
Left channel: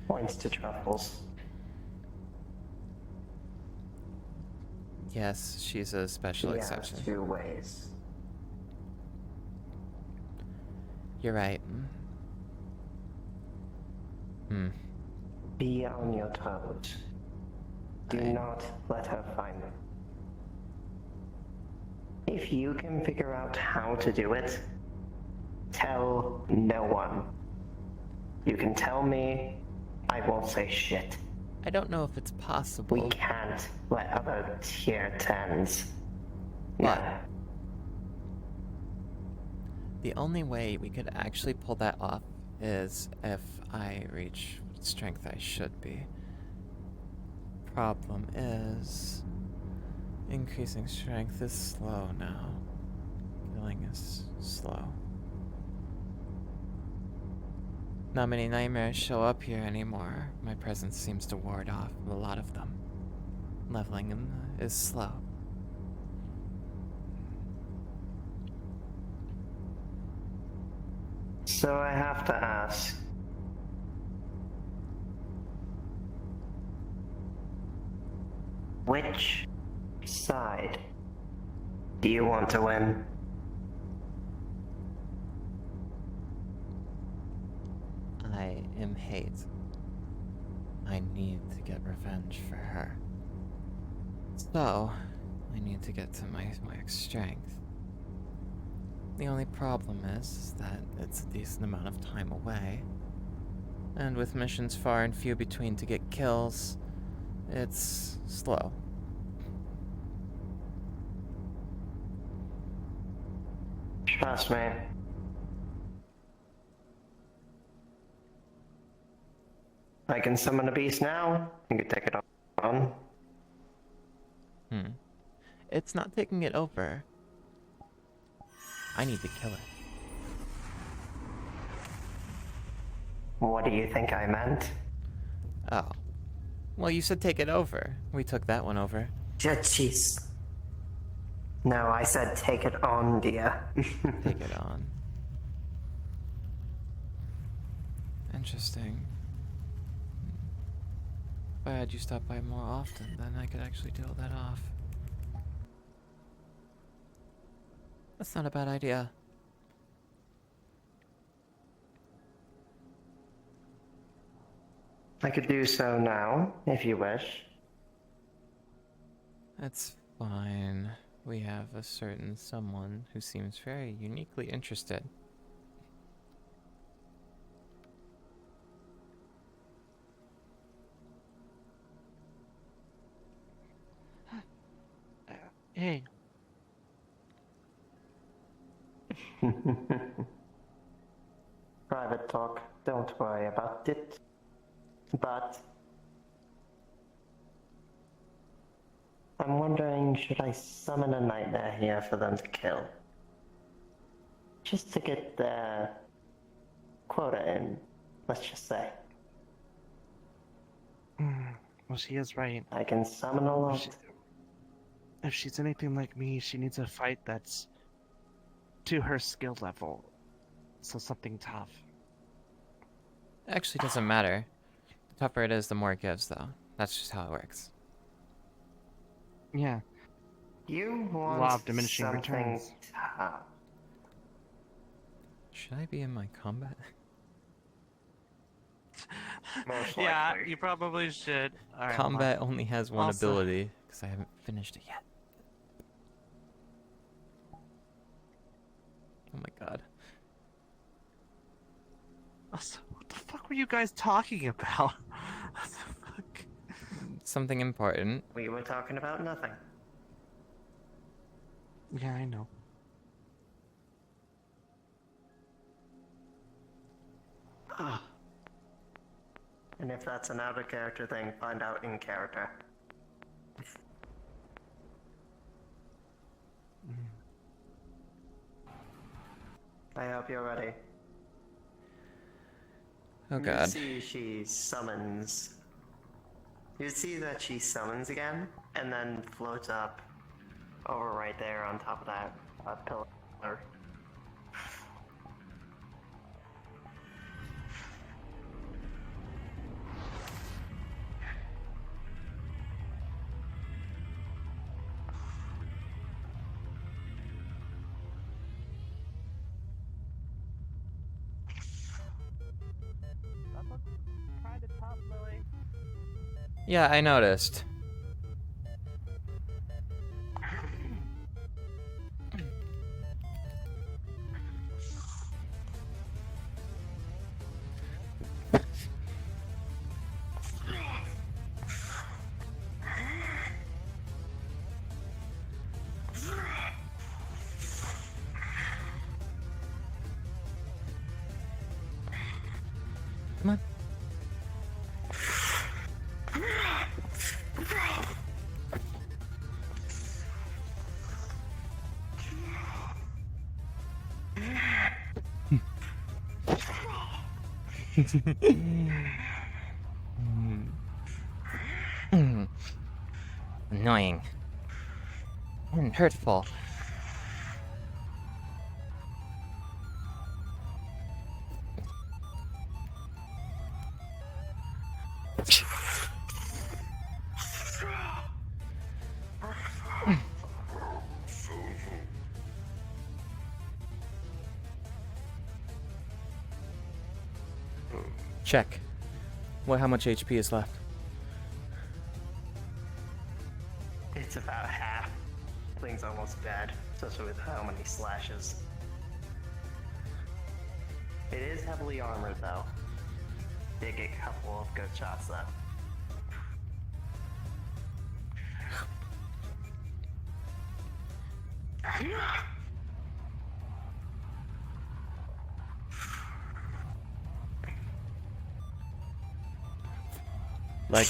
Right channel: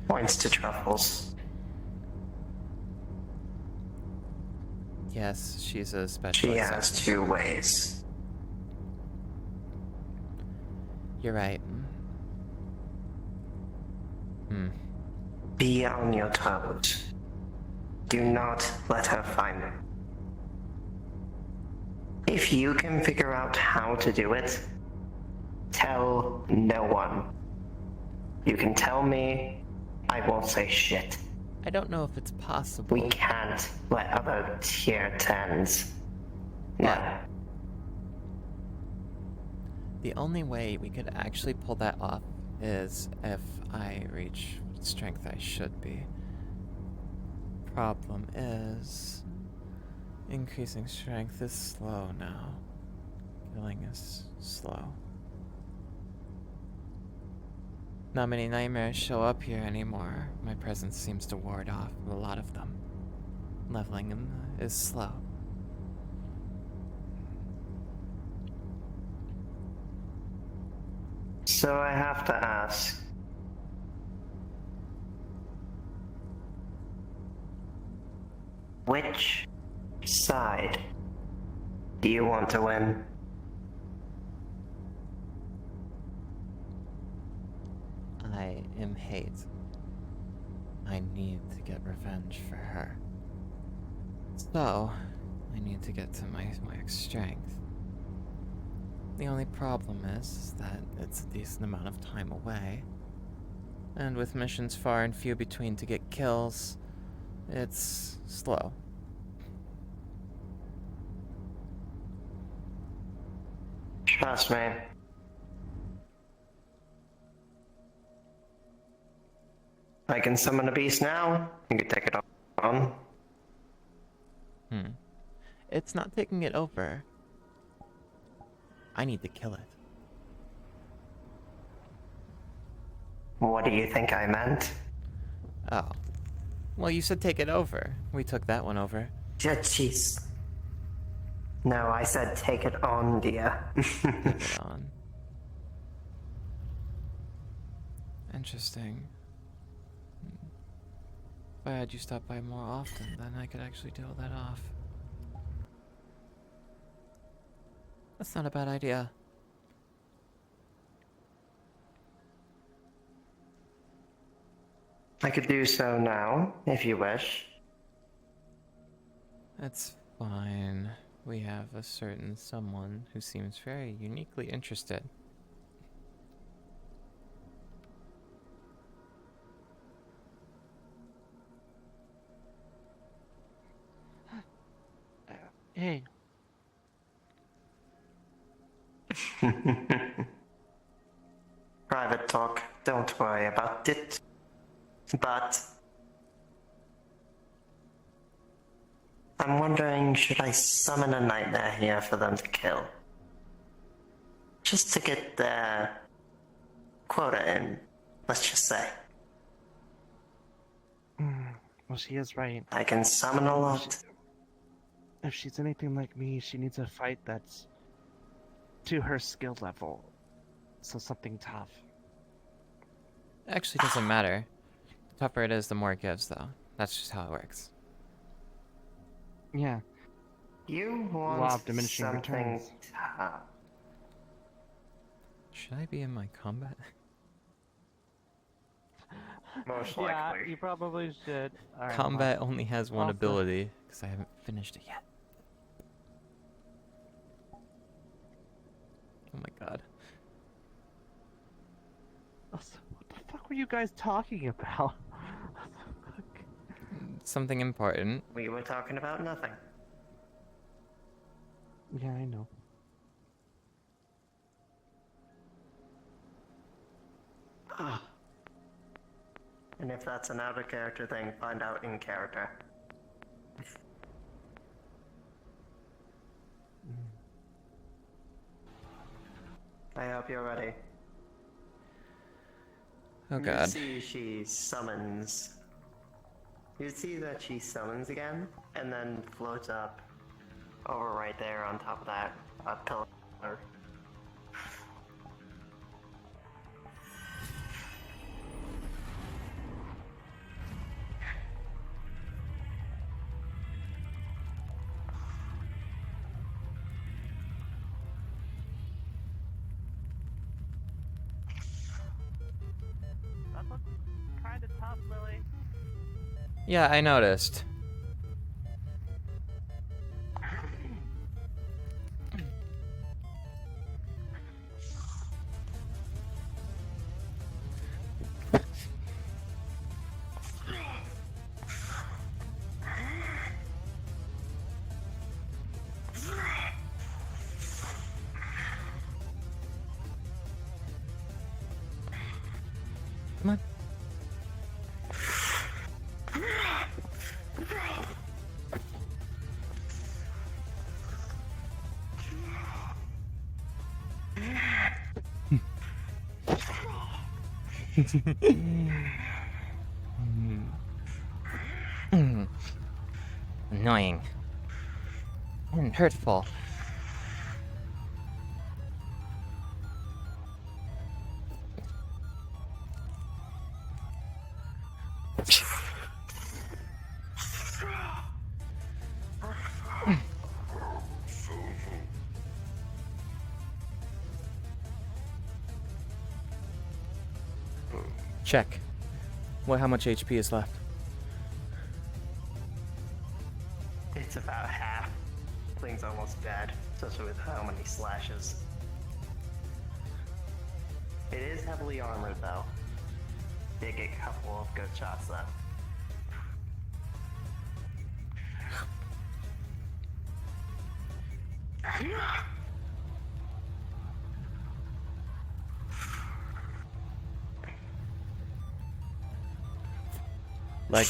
Points to Truffles. Yes, she's a special She has exception. 2 ways. You're right. Be on your toes. Do not let her find them. If you can figure out how to do it, tell no one. You can tell me, I won't say shit. I don't know if it's possible. We can't let other tier 10s. What? No. The only way we could actually pull that off is if I reach what strength I should be. Problem is, increasing strength is slow now. Killing is slow. Not many nightmares show up here anymore. My presence seems to ward off a lot of them. Leveling them is slow. So I have to ask. Which side do you want to win? I am hate. I need to get revenge for her. So, I need to get to my max strength. The only problem is that it's a decent amount of time away. And with missions far and few between to get kills, it's slow. Trust me. I can summon a beast now. You can take it on. It's not taking it over. I need to kill it. What do you think I meant? Oh. Well, you said take it over. We took that one over. Jeez. No, I said take it on, dear. Take it on. Interesting. If I had you stop by more often, then I could actually deal that off. That's not a bad idea. I could do so now, if you wish. It's fine. We have a certain someone who seems very uniquely interested. Hey. Private talk, don't worry about it. But I'm wondering, should I summon a nightmare here for them to kill? Just to get their quota in, let's just say. Well, she is right. I can summon a lot. If she's anything like me, she needs a fight that's to her skill level. So something tough. Actually, doesn't matter. The tougher it is, the more it gives, though. That's just how it works. Yeah. You Law want of diminishing something returns. tough. Should I be in my combat? Most likely. Yeah, you probably should. Alright, Combat only has one Also- ability, because I haven't finished it yet. Oh my god. What the fuck were you guys talking about? What the fuck? Something important. We were talking about nothing. Yeah, I know. And if that's an out of character thing, find out in character. I hope you're ready. Oh You god. see she summons. You see that she summons again, and then floats up over right there on top of that pillar. Yeah, I noticed. Come on. Annoying. And hurtful. Check. How much HP is left? It's about half. Thing's almost dead, especially with how many slashes. It is heavily armored though. Did get a couple of good shots though. Like.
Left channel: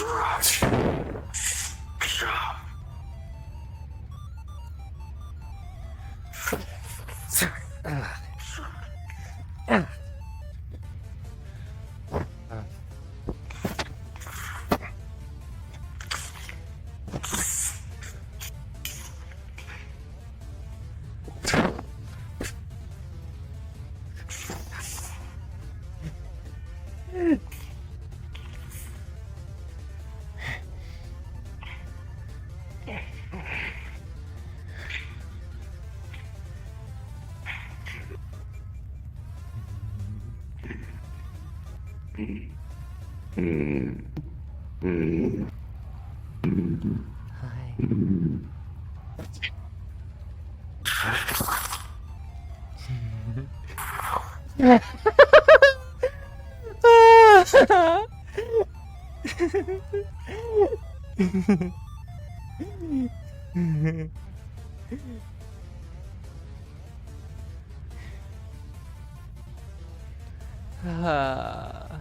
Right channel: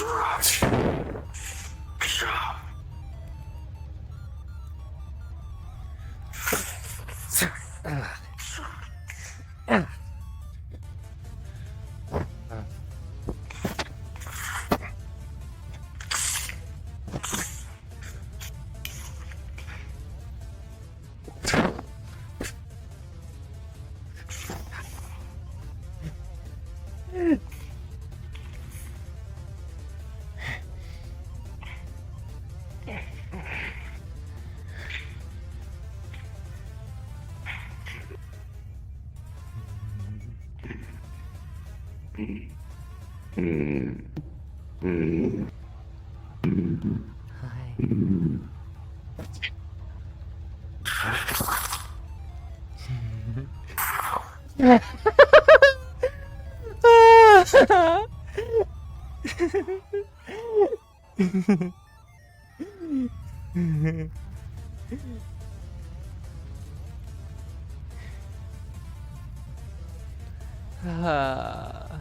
Well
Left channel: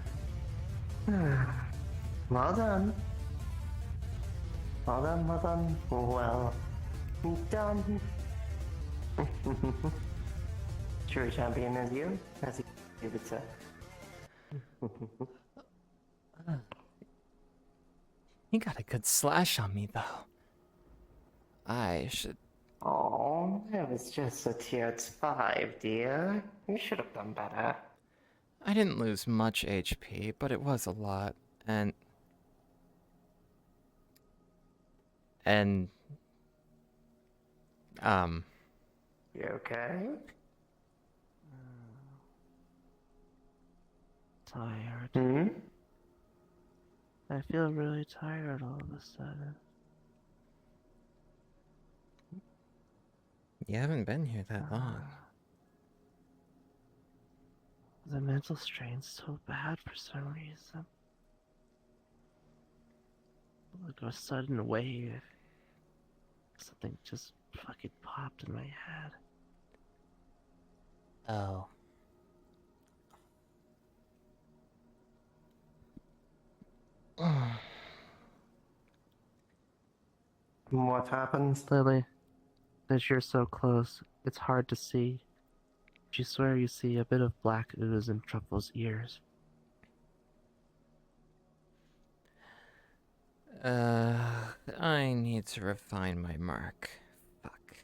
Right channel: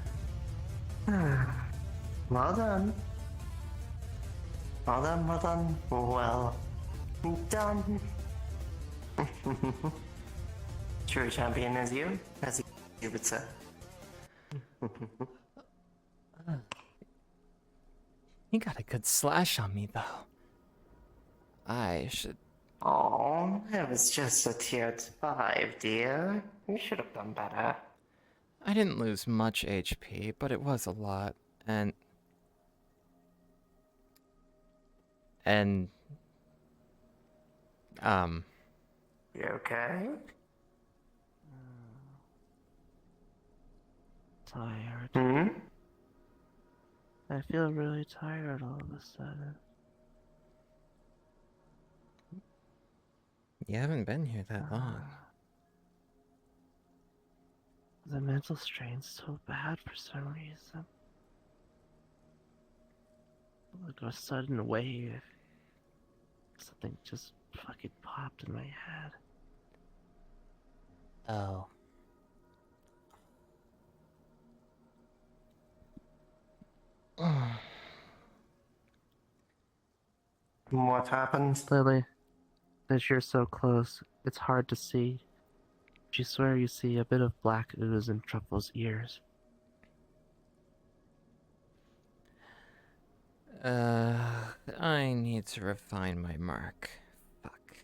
done. Well done, well done. Well done. True champion as you would say. You got a good slash on me, though. I should... Oh, it was just a tier 5, dear. You should have done better. I didn't lose much HP, but it was a lot. And... You okay? Tired. Hmm? I feel really tired all of a sudden. You haven't been here that long. The mental strain's so bad for some reason. Like a sudden wave. Something just fucking popped in my head. Oh. What happened? Lily, as you're so close, it's hard to see. You swear you see a bit of black ooze in Truffle's ears. I need to refine my mark. Fuck.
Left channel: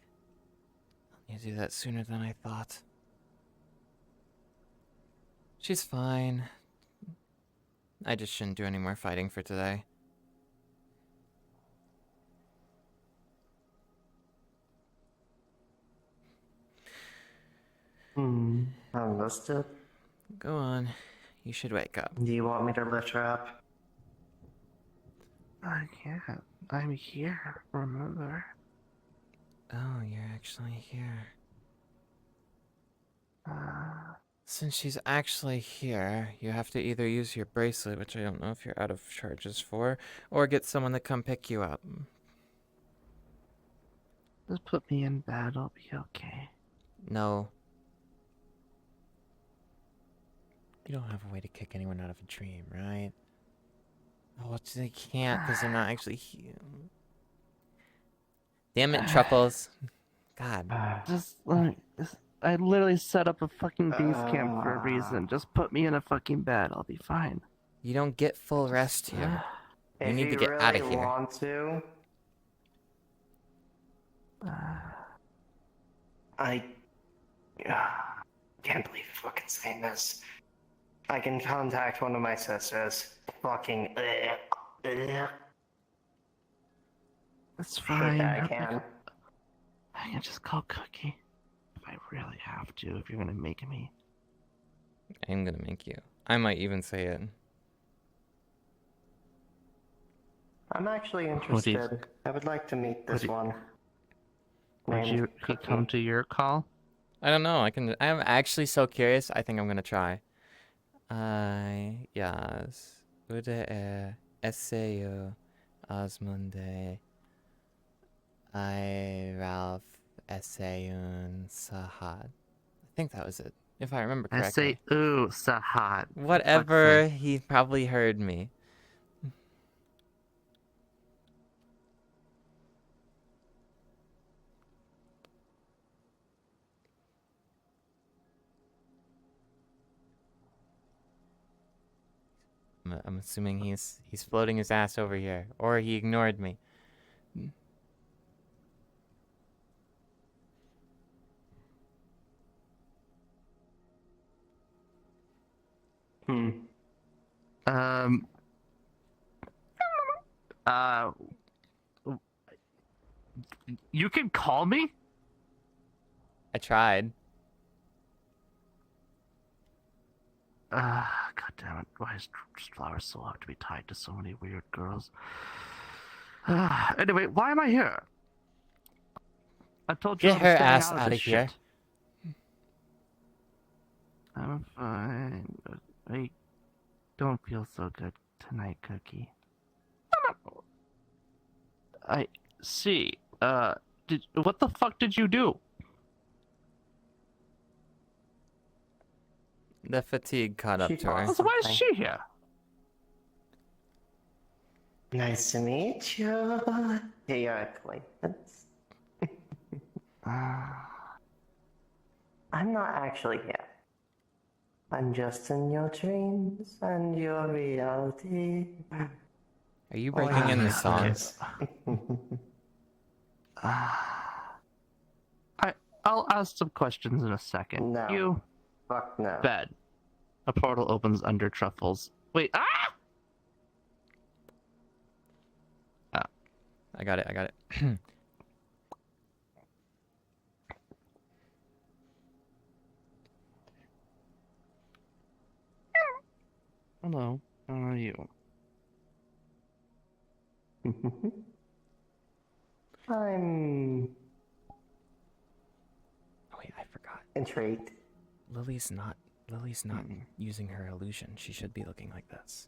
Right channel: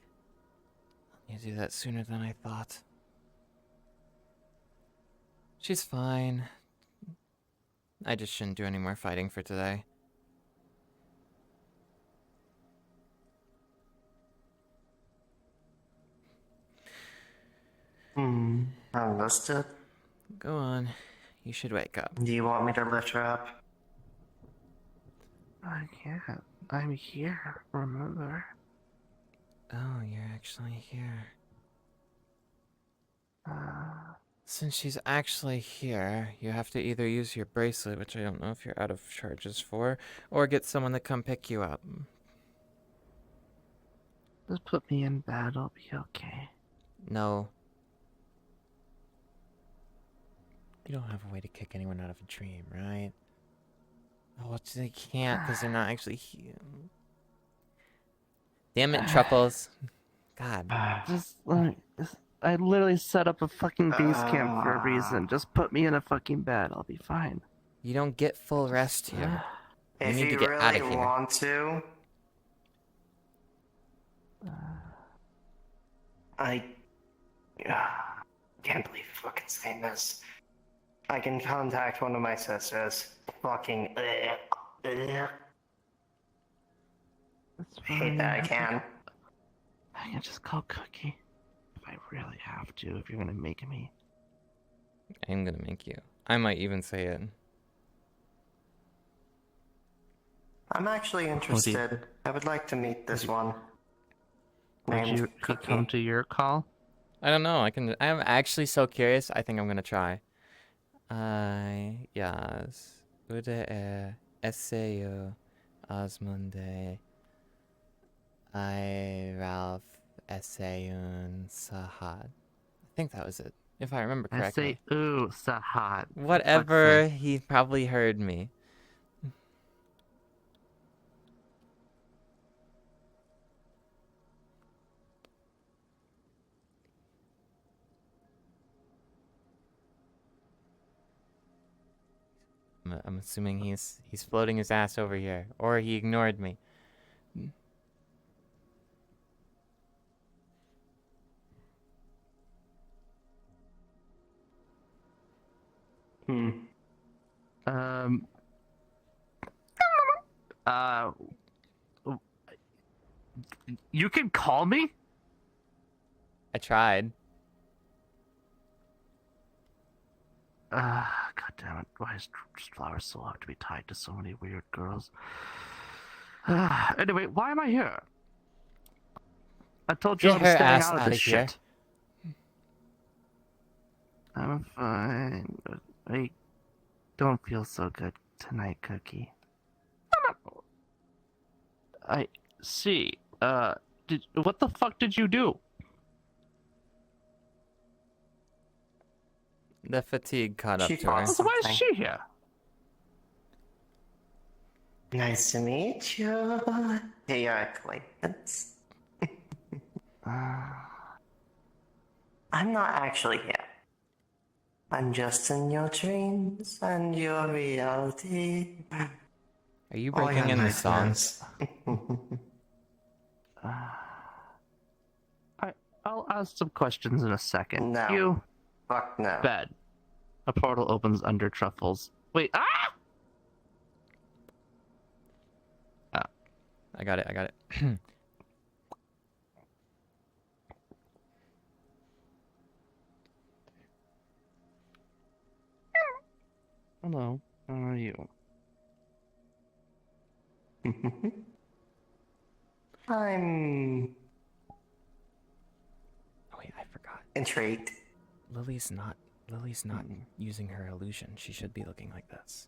I need to do that sooner than I thought. She's fine. I just shouldn't do any more fighting for today. Understood. Go on. You should wake up. Do you want me to lift her up? I can't. I'm here, remember? Oh, you're actually here. Since she's actually here, you have to either use your bracelet, which I don't know if you're out of charges for, or get someone to come pick you up. Just put me in bed, I'll be okay. No. You don't have a way to kick anyone out of a dream, right? Oh, they can't because they're not actually here. Damn it, Truffles. God. Just like, I literally set up a fucking base camp for a reason. Just put me in a fucking bed, I'll be fine. You don't get full rest here. You need to get out of here. Want to? I can't believe you're fucking saying this. I can contact one of my sisters. Fucking It's hate fine. that I can. I can just call Cookie. If I really have to, if you're gonna make me. I'm gonna make you. I might even say it. I'm actually interested. I would like to meet this one. Would Named he come to your call? I don't know. I'm actually so curious. I think I'm gonna try. Yes. Ude Esseo Osmunde. Ralph Essayun Sahad. I think that was it. If I remember correctly. I say, ooh, Sahad. Whatever, he probably heard me. I'm assuming he's floating his ass over here, or he ignored me. You can call me? I tried. God damn it. Why is Flower so hard to be tied to so many weird girls? Anyway, why am I here? I told you Get I was her staying ass out of out this of here. shit. I'm fine, but I don't feel so good tonight, Cookie. I see. What the fuck did you do? The fatigue caught up She to her. paused. So why is Something. she here? Nice to meet you. Theoretically, I'm not actually here. I'm just in your dreams and your reality. Are you breaking in the song? I'll ask some questions in a second. No. You Fuck no. bed. A portal opens under truffles. Wait, I got it. I got it. Hello. How are you? I'm Oh wait, I forgot. intrigued. Lily's not using her illusion. She should be looking like this.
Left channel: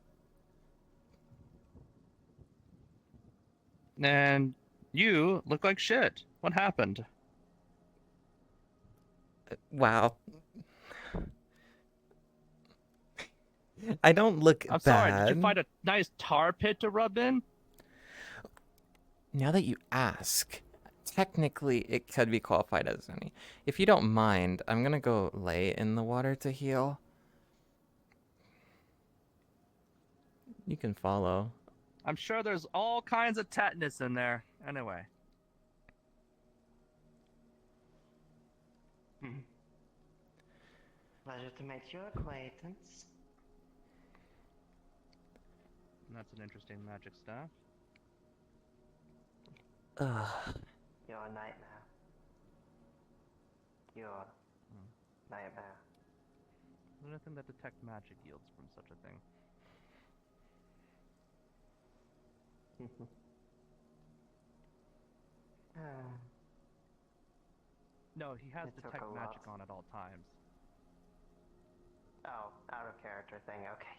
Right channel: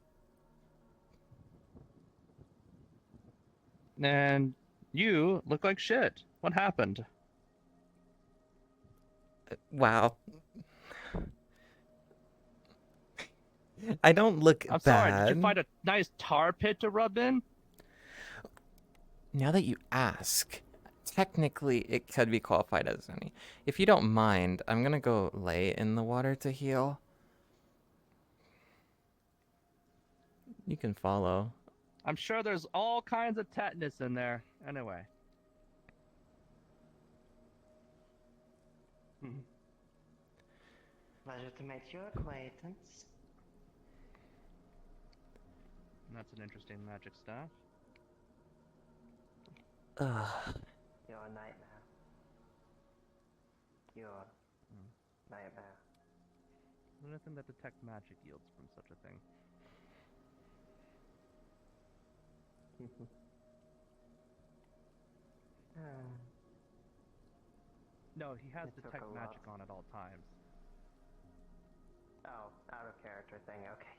And you look like shit. What happened? Wow. I don't look I'm bad. sorry, did you find a nice tar pit to rub in? Now that you ask, technically it could be qualified as any. If you don't mind, I'm gonna go lay in the water to heal. You can follow. I'm sure there's all kinds of tetanus in there. Anyway. Pleasure to make your acquaintance. That's an interesting magic staff. Your nightmare. Your nightmare. Anything that detect magic yields from such a thing. No, he has It took detect a magic lot. on at all times. Oh, out of character thing, okay.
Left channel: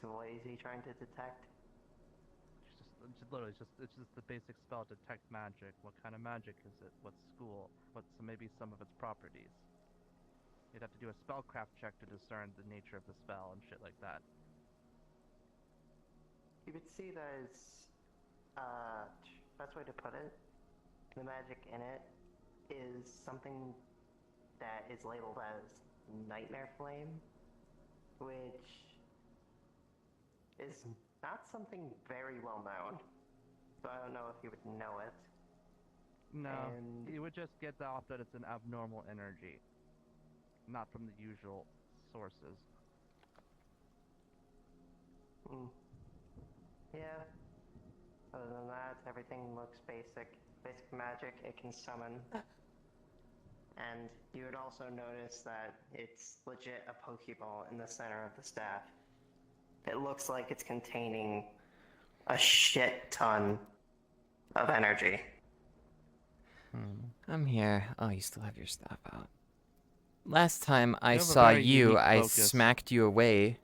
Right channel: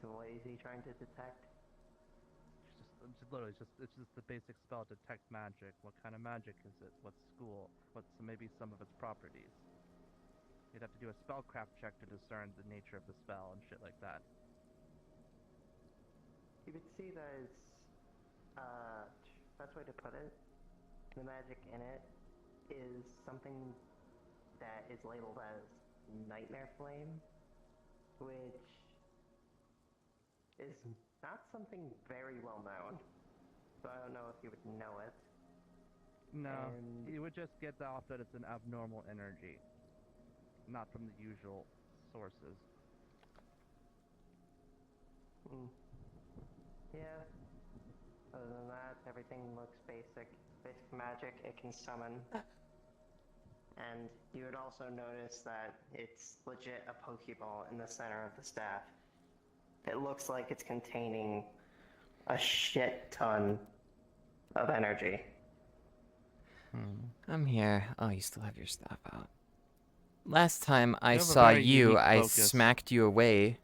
So what is he trying to detect? It's just the basic spell, detect magic. What kind of magic is it? What school? What's maybe some of its properties? You'd have to do a spellcraft check to discern the nature of the spell and shit like that. You could see there's, best way to put it, the magic in it is something that is labeled as Nightmare Flame, which is not something very well known. So I don't know if you would know it. No, And- you would just get off that it's an abnormal energy, not from the usual sources. Yeah. Other than that, everything looks basic. Basic magic it can summon. And you would also notice that it's legit a Pokeball in the center of the staff. It looks like it's containing a shit ton of energy. I'm here. Oh, you still have your staff out. Last time I have a saw very you, unique I focus. smacked you away.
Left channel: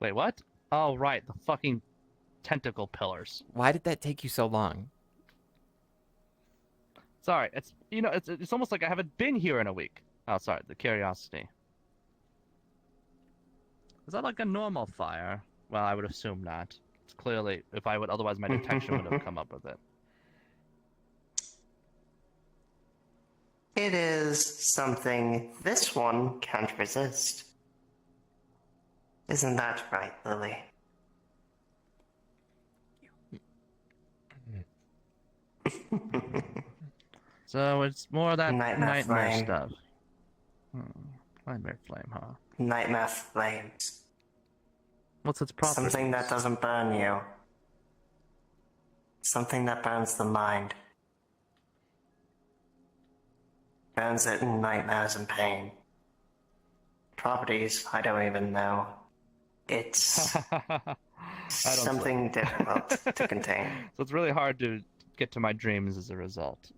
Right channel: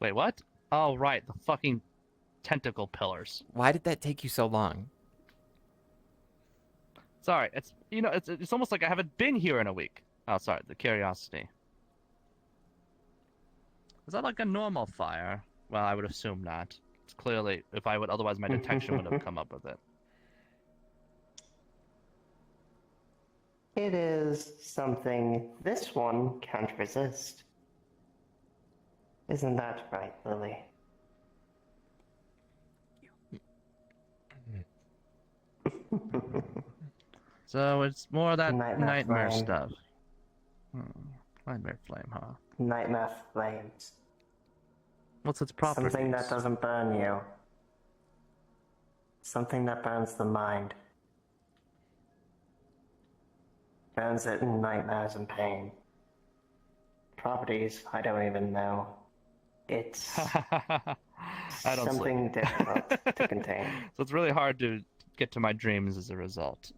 Wait, what? Oh, right, the fucking tentacle pillars. Why did that take you so long? Sorry, it's almost like I haven't been here in a week. Oh, sorry, the curiosity. Is that like a normal fire? Well, I would assume not. It's clearly, if I would, otherwise my detection would have come up with it. It is something this one can't resist. Isn't that right, Lily? So it's more of that Nightmare nightmare flame. stuff. Nightmare flame, huh? Nightmare flames. What's its properties? Something that doesn't burn you. Something that burns the mind. Burns it in nightmares and pain. Properties, I don't even know. It's I don't something difficult to contain. So it's really hard to get to my dreams as a result.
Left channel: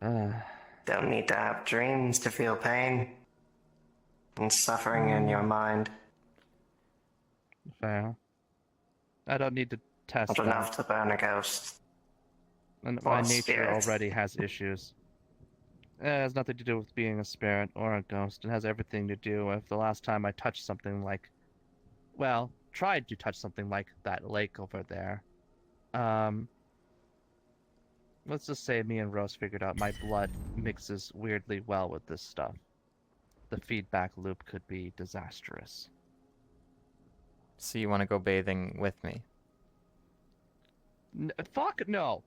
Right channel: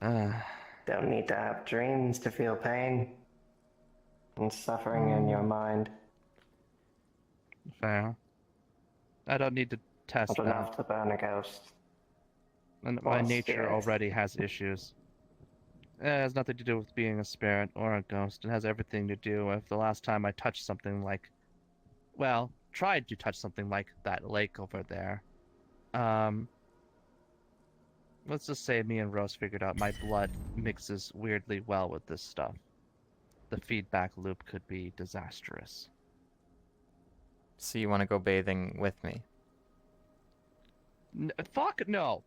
Don't need to have dreams to feel pain and suffering in your mind. Fair. I don't need to test Not them. enough to burn a ghost. And Or my a nature spirit. already has issues. It has nothing to do with being a spirit or a ghost. It has everything to do with the last time I touched something like, well, tried to touch something like that lake over there. Let's just say me and Rose figured out my blood mixes weirdly well with this stuff. The feedback loop could be disastrous. So you want to go bathing with me? Fuck no!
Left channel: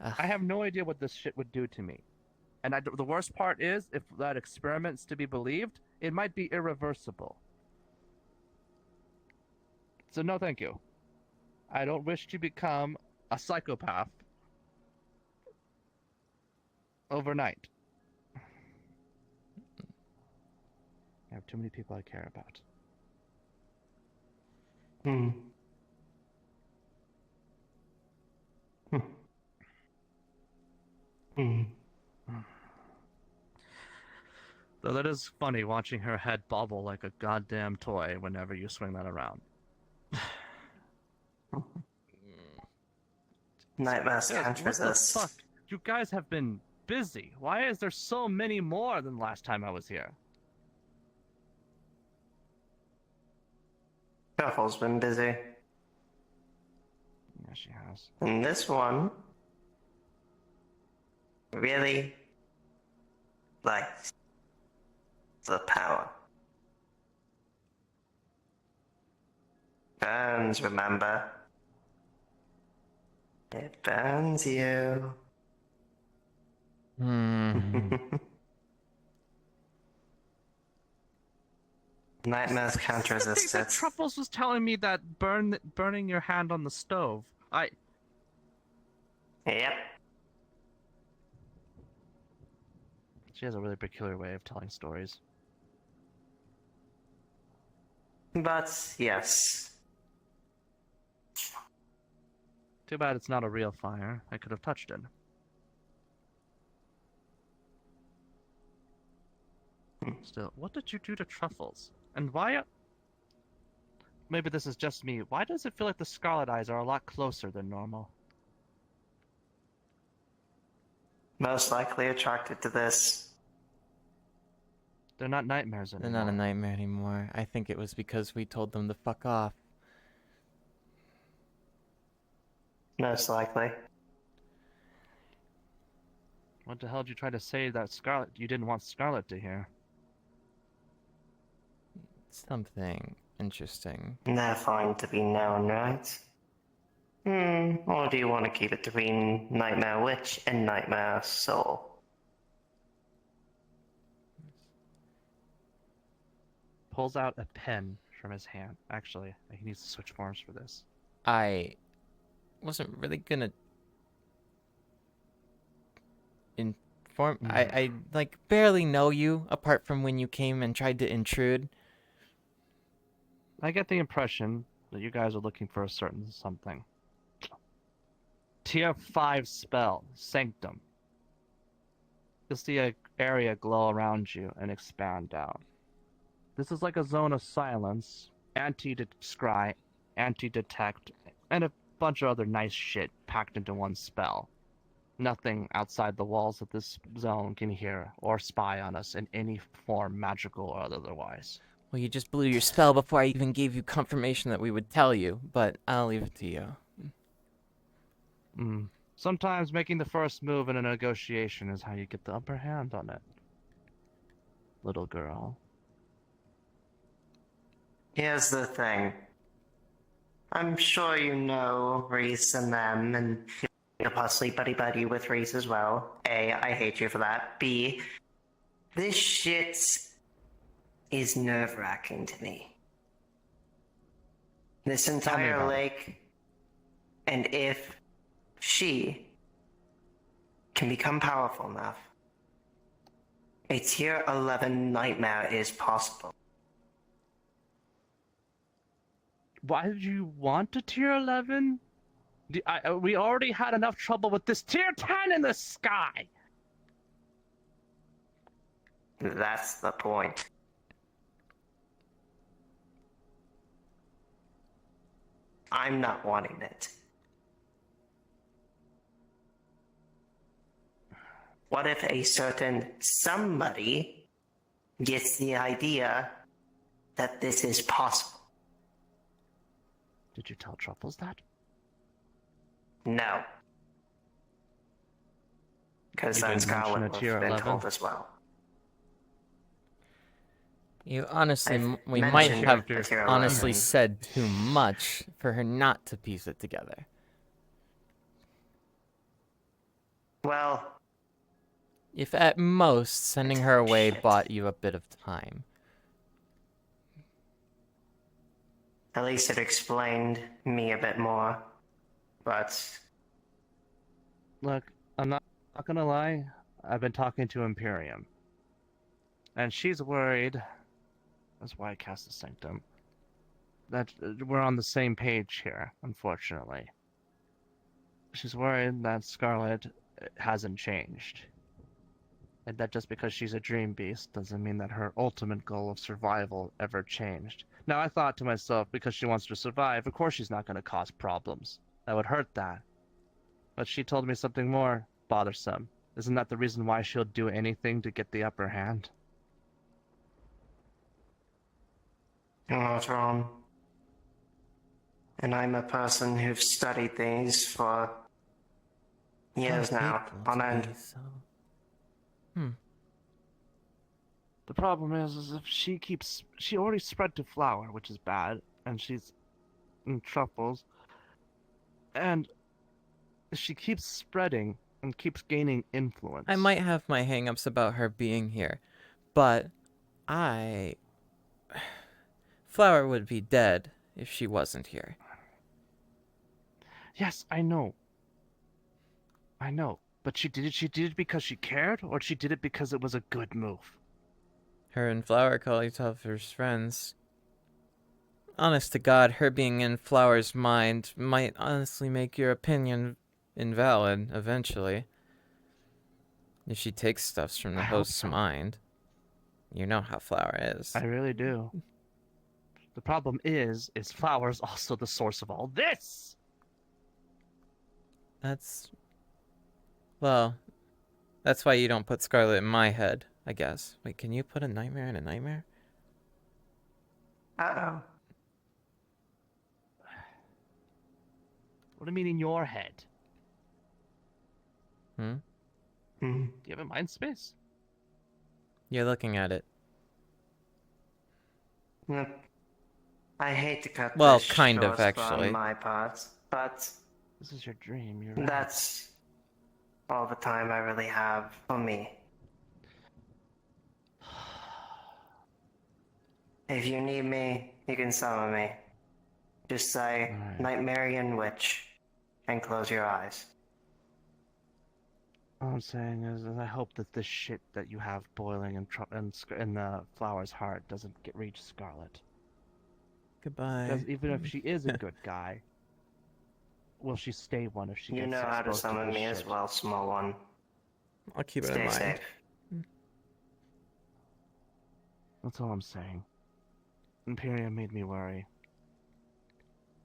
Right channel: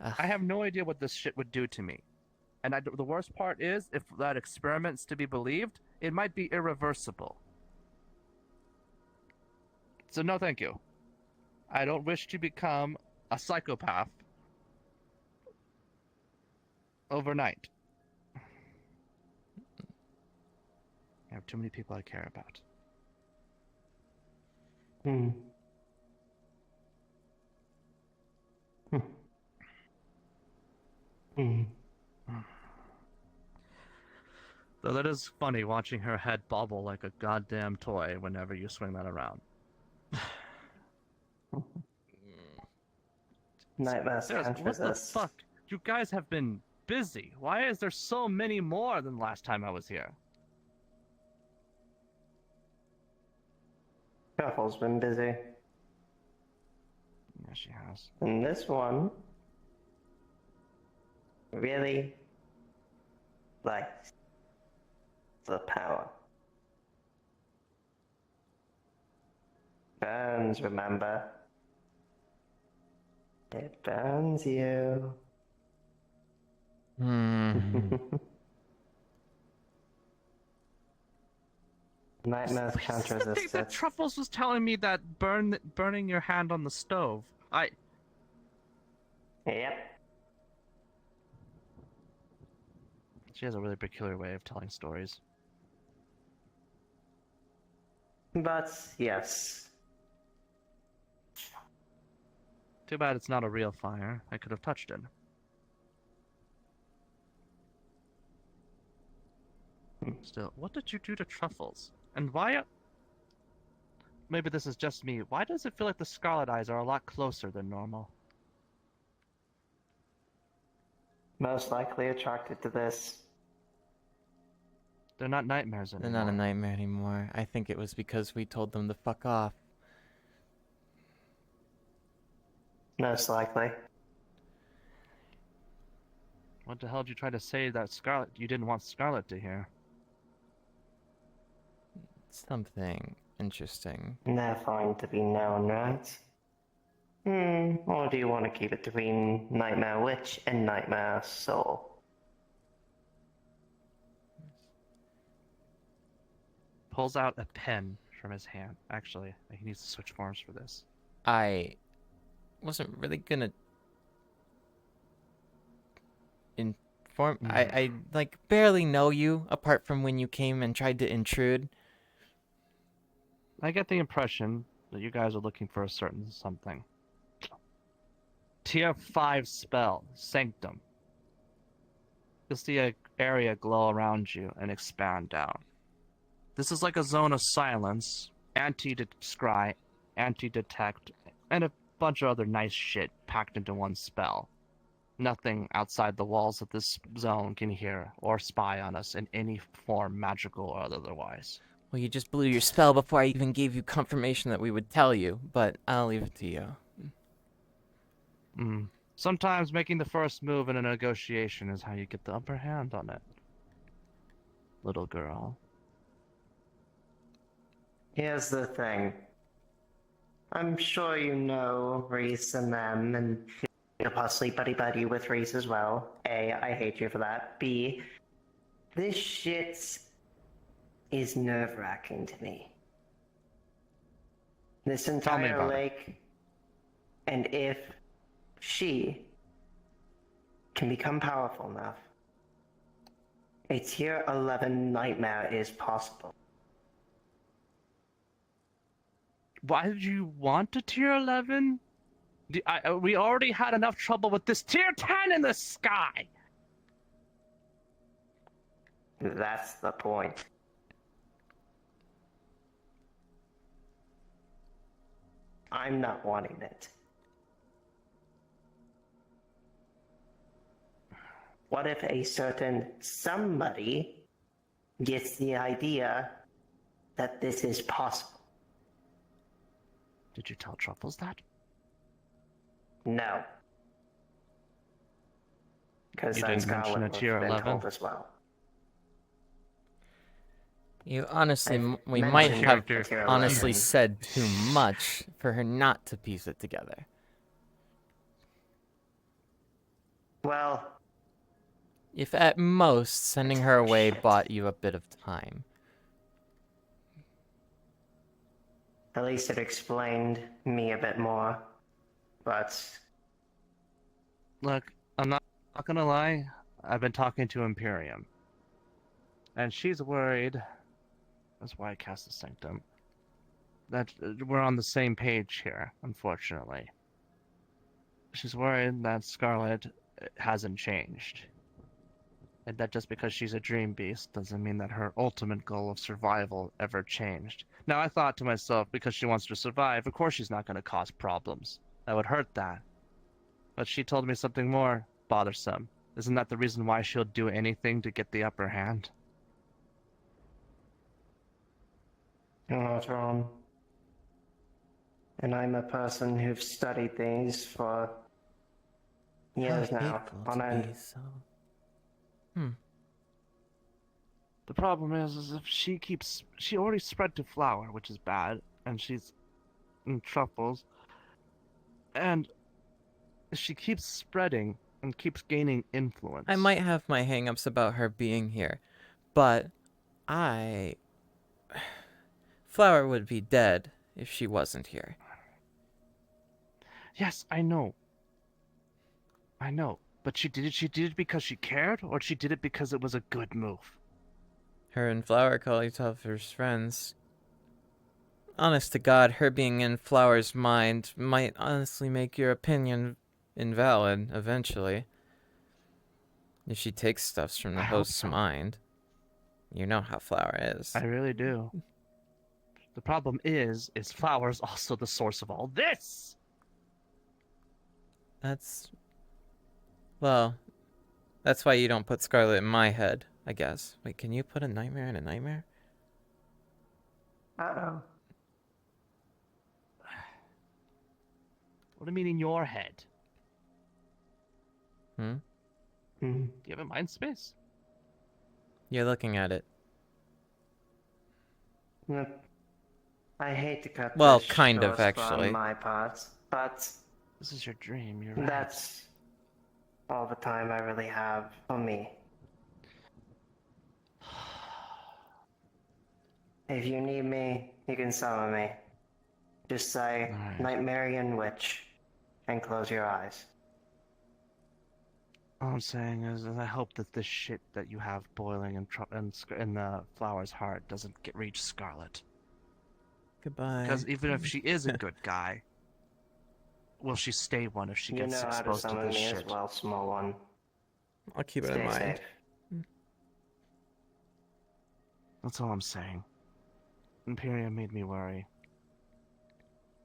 Ugh. I have no idea what this shit would do to me. And the worst part is, if that experiment's to be believed, it might be irreversible. So no thank you. I don't wish to become a psychopath overnight. I have too many people I care about. Hmm. Hmm. Hmm. Though that is funny watching her head bobble like a goddamn toy whenever you swing that around. Nightmares Yes, can't what the resist. fuck? You guys have been busy. Why is there so many more than last time I was here? Shuffle's been busy. Yeah, she has. And this one really likes the power. Burns, remember? It burns you. Hmm. Nightmares can't I think resist that it. Truffles was telling me that burning your hand on the stove. Yep. She has a really peculiar way of telling stories. But yes. Too bad it's not a real fire. I could have touched it. Still, what did you do to Truffles? And why? Maybe this is just me. Why does it feel like the Scarlet eyes are a lot closer than normal? Most likely attracted to this. They're not nightmares They're anymore. not a nightmare anymore. I think it was because we told them to fuck off. Most likely. What the hell did you try to say that Scarlet you didn't want Scarlet to hear? Something interesting. They're fine to be known, right? Or do you want to keep it between Nightmare Witch and Nightmare Soul? Pulls out a pen from his hand. Actually, he needs to switch forms for this. I wasn't really gonna inform. I like barely know you apart from when you came and tried to intrude. I get the impression that you guys are looking for a certain something. Tier 5 spell, Sanctum. You'll see an area glow around you and expand down. This is like a zone of silence, anti-scry, anti-detect, and a bunch of other nice shit packed into one spell. Nothing outside the walls of this zone can hear or spy on us in any form, magical or otherwise. Well, you just blew your spell before I even gave you confirmation that we would tell you, but I'll leave it to you. Sometimes making the first move in a negotiation is how you get the upper hand on it. Little girl. Here's the thing. I'm sure you know Reese and them, and you're possibly buddy-buddy with Reese as well. A, I hate you for that. B, this shit is nerve-wracking to me. This me entire about it. lake, and if she can become powerful enough, a tier 11 nightmare is possible. Why did you want a tier 11? We already had enough trouble with this tier 10 in the sky! That's the point. I'm not wanting it. What if a certain somebody gets the idea that this is possible? Did you tell Truffles that? No. Because You then didn't mention Scarlet it would to your have been 11? told as well. You honestly, I've we might mentioned have it with your honestly 11. said too much for her not to piece it together. Well, If at most sending her away Shit. bought you a bit of time. at least it explained me a bit more. But Look, I'm not gonna lie. I've been talking to Imperium. And she's worried. That's why I cast the Sanctum. That we're on the same page here, unfortunately. She's worried that Scarlet hasn't changed. And that just because she's a dream beast doesn't mean that her ultimate goal of survival ever changed. Now, I thought to myself, because she wants to survive, of course she's not going to cause problems. That would hurt that. But she told me something more bothersome. Isn't that the reason why she'll do anything to get the upper hand? you're not wrong. And I'm a person who's studied these for years How now, hateful on to end. be so. The problem is if she already spread to Flower, which is bad, and she's in Truffles, and she keeps spreading and keeps gaining influence. I might have my hangups about her being here, but Flower would be dead if she wasn't here. Yes, I know. I know. But she did it because she cared, or she did it because it was a good move? Her and Flower call each other friends. Honest to God, her being in Flower's mind might honestly make your opinion invalid eventually. If she takes stuffs from the I hope host's so. mind. You know how Flower is. I really do. The problem is Flower's also the source of all this! Well, that's why you don't put Scarlet in my head, I guess. Wait, can you put a nightmare in a nightmare? Uh-oh. What do you mean in your head? Hmm? Hmm. Do you have a mind space? You're looking at it. Yep. I hate to cut Well, this kind of, short actually. on my part, but This is your dream, you're right. that's all the time I really have for me. If you need me, you can summon me. Just say Alright. Nightmarian Witch and close your eyes. All I'm saying is I hope that this shit that you have boiling in Flower's heart doesn't reach Scarlet. Goodbye. Because even if she is a good guy, will she stay one if she You gets know how to exposed to summon this me shit? as well, small one. I'll keep it in Stay mind. safe. That's all I'm saying. Imperium made me worry.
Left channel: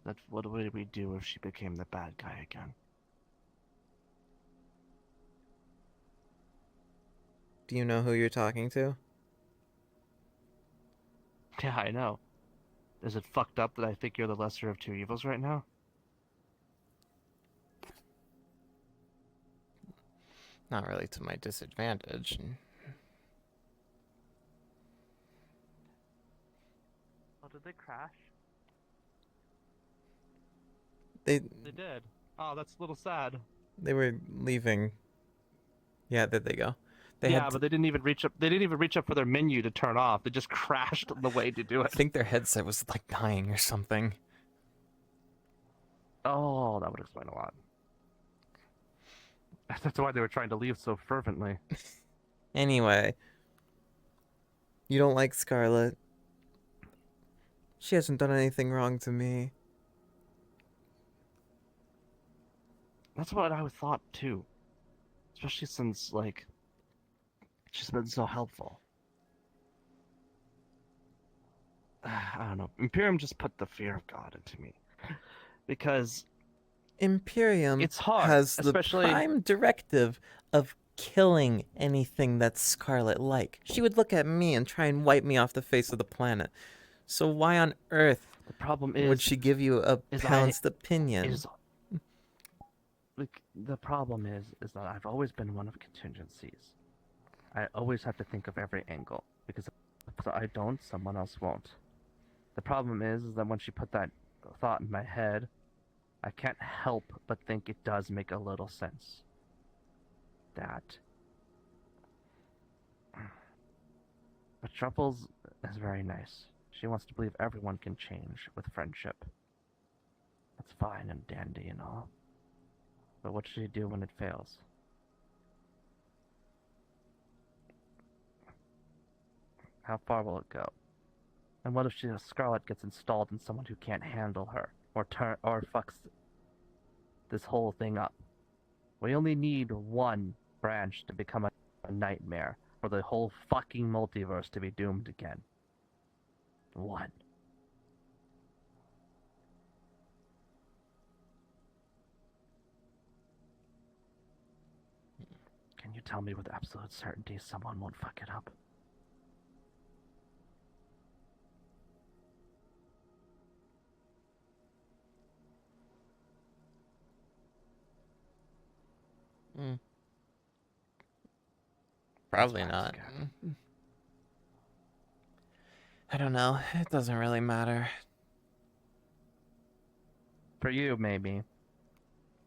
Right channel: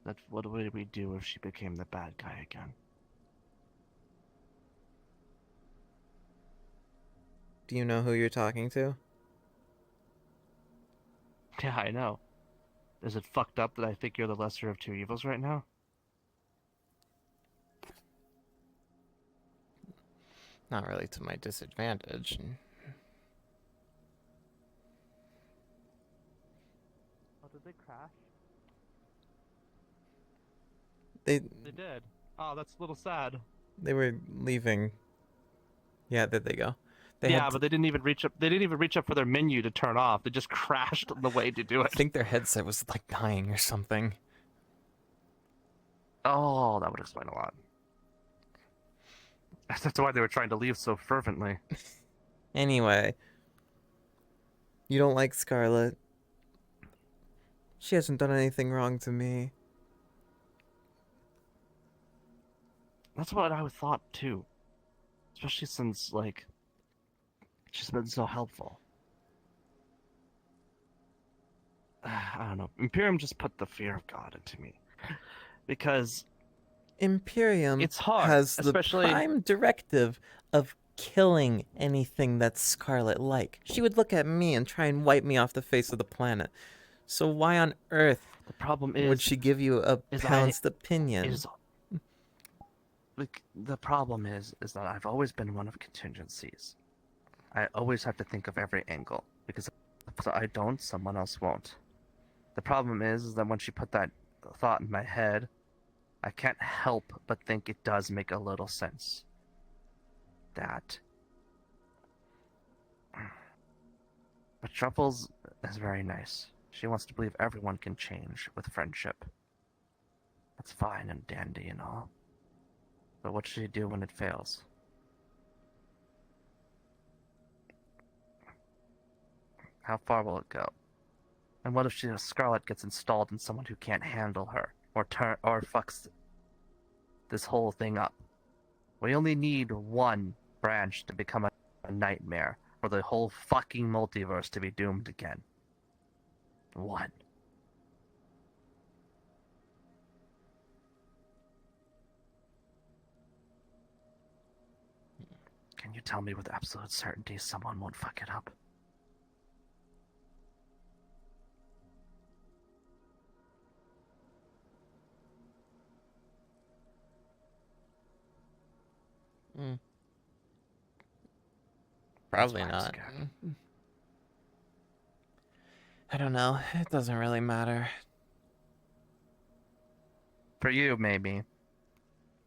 That what would we do if she became the bad guy again? Do you know who you're talking to? Yeah, I know. Is it fucked up that I think you're the lesser of two evils right now? Not really to my disadvantage. Oh, did they crash? They did. Oh, that's a little sad. they were leaving. Yeah, there they go. They yeah, had but they didn't even reach up. They didn't even reach up for their menu to turn off. They just crashed on the way to do I it. think their headset was like dying or something. Oh, that would explain a lot. That's why they were trying to leave so fervently. Anyway, you don't like Scarlet. She hasn't done anything wrong to me. That's what I thought too. Especially since, like, she's been so helpful. I don't know. Imperium just put the fear of God into me. Because Imperium it's hard, has the especially prime directive of killing anything that's Scarlet-like. She would look at me and try and wipe me off the face of the planet. So why on earth The problem would she give you a pounced opinion? The problem is that I've always been one of contingencies. I always have to think of every angle, because if I don't, someone else won't. The problem is that when she put that thought in my head, I can't help but think it does make a little sense. That. But Truffles is very nice. She wants to believe everyone can change with friendship. That's fine and dandy and all. But what should she do when it fails? How far will it go? And what if Scarlet gets installed in someone who can't handle her, or fucks this whole thing up? We only need one branch to become a nightmare, for the whole fucking multiverse to be doomed again. One. Can you tell me with absolute certainty someone won't fuck it up? Probably not. I don't know. It doesn't really matter. For you, maybe.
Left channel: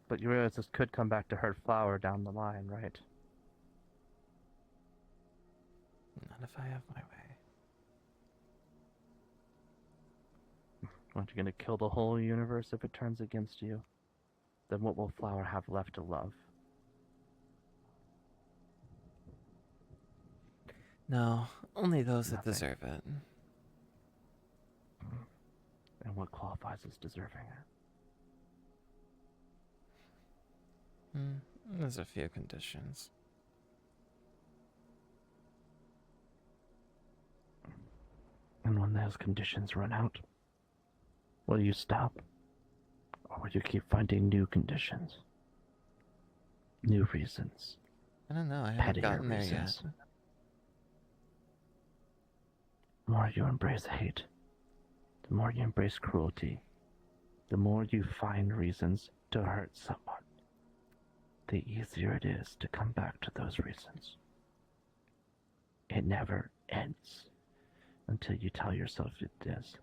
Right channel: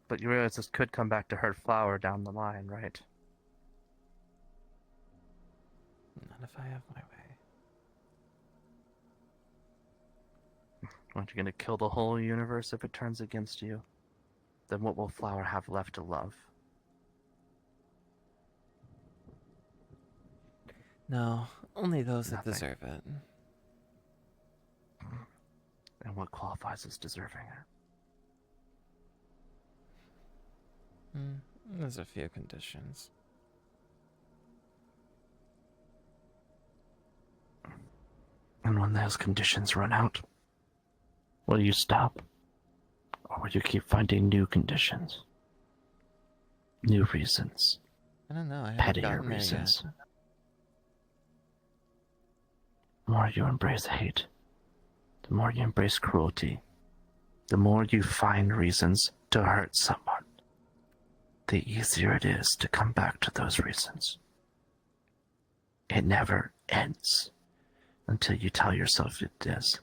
But you realize this could come back to hurt Flower down the line, right? Not if I have my way. Aren't you gonna kill the whole universe if it turns against you? Then what will Flower have left to love? No, only those that Nothing. deserve it. And what qualifies as deserving it? There's a few conditions. And when those conditions run out, will you stop? Or will you keep finding new conditions? New reasons? I don't know, I haven't Pettier gotten there yet. reasons? The more you embrace hate, the more you embrace cruelty, the more you find reasons to hurt someone, the easier it is to come back to those reasons. It never ends until you tell yourself it is.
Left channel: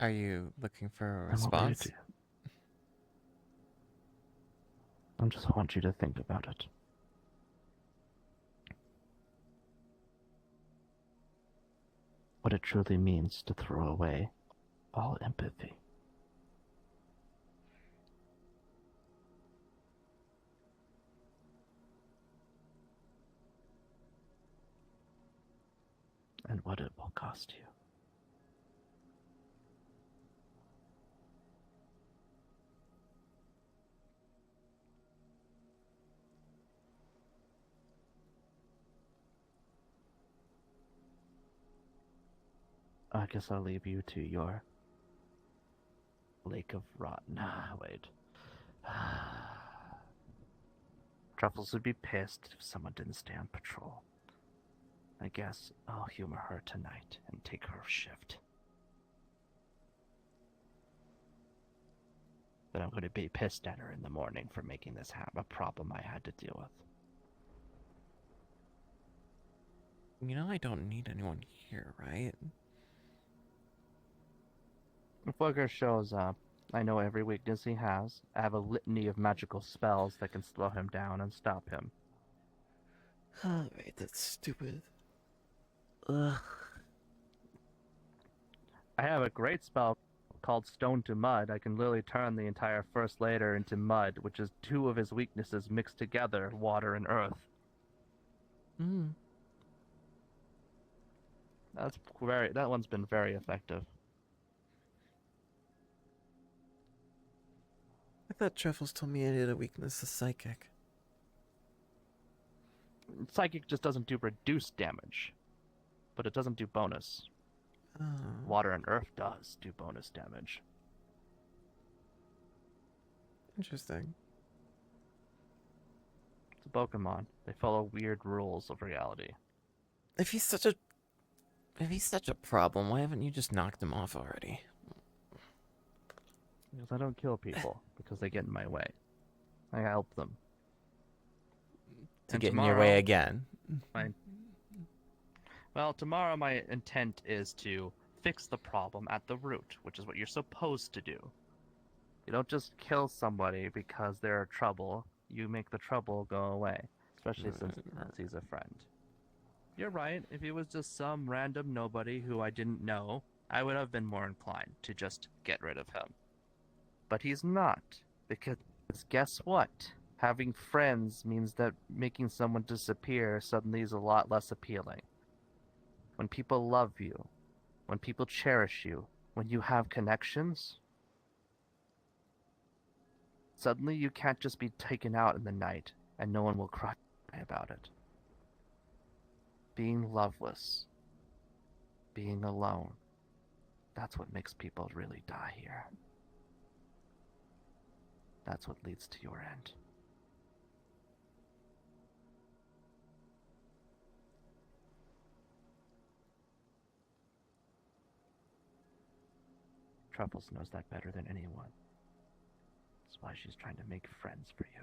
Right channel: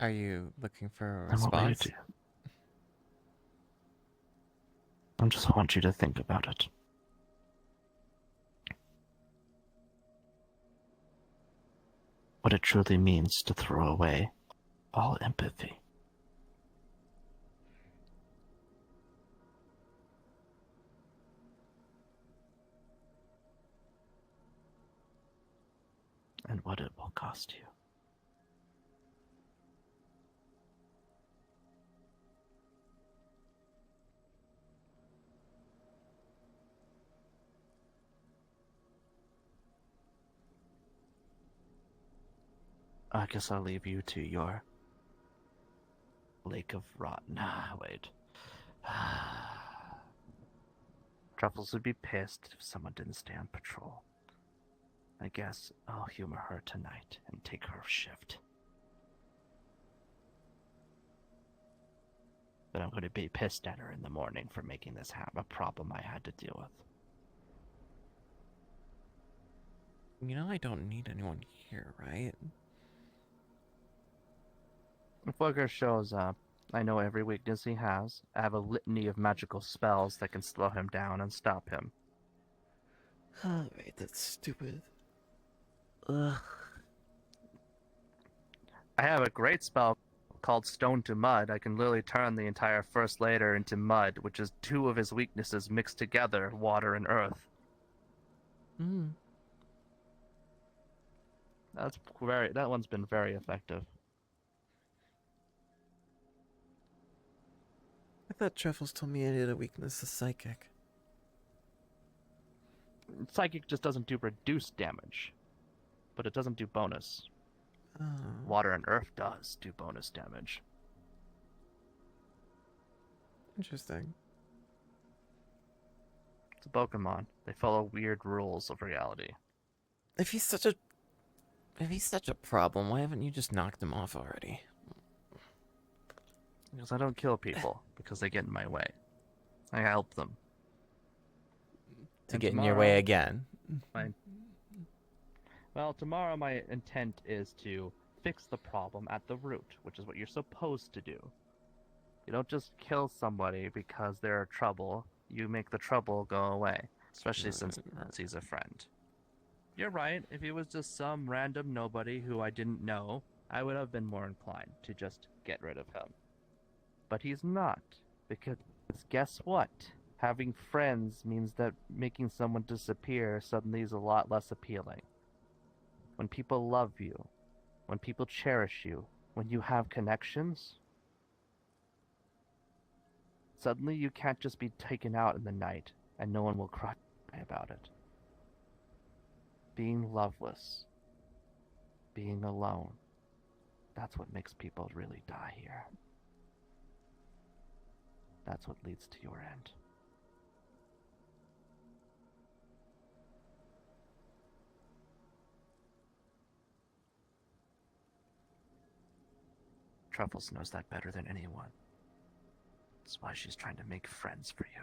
Are you looking for a And what will you response? do? I just want you to think about it. What it truly means to throw away all empathy. And what it will cost you. I guess I'll leave you to your lake of rot. Nah, wait. Truffles would be pissed if someone didn't stay on patrol. I guess I'll humor her tonight and take her shift. But I'm going to be pissed at her in the morning for making this a problem I had to deal with. You know I don't need anyone here, right? If Booger shows up, I know every weakness he has. I have a litany of magical spells that can slow him down and stop him. Oh, wait, that's stupid. Ugh. I have a great spell called Stone to Mud. I can literally turn the entire first layer into mud, which is two of his weaknesses mixed together, water and earth. That one's been very effective. thought Truffles told me I had a weakness to psychic. Psychic just doesn't do reduced damage, but it doesn't do bonus. Oh. Water and earth does do bonus damage. Interesting. It's a Pokemon. They follow weird rules of reality. If he's such a problem, why haven't you just knocked him off already? Because I don't kill people, because they get in my way. I help them. To And get in your way tomorrow- again. Well, tomorrow my intent is to fix the problem at the root, which is what you're supposed to do. You don't just kill somebody because they're trouble. You make the trouble go away, especially since he's a friend. You're right. If he was just some random nobody who I didn't know, I would have been more inclined to just get rid of him. But he's not, because guess what? Having friends means that making someone disappear suddenly is a lot less appealing. When people love you, when people cherish you, when you have connections, suddenly you can't just be taken out in the night and no one will cry about it. Being loveless, being alone, that's what makes people really die here. That's what leads to your end. Truffles knows that better than anyone. That's why she's trying to make friends for you.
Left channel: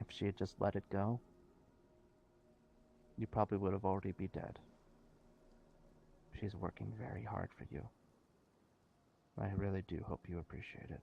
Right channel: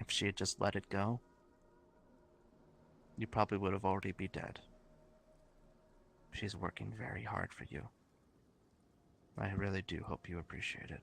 If she had just let it go, you probably would have already be dead. She's working very hard for you. I really do hope you appreciate it.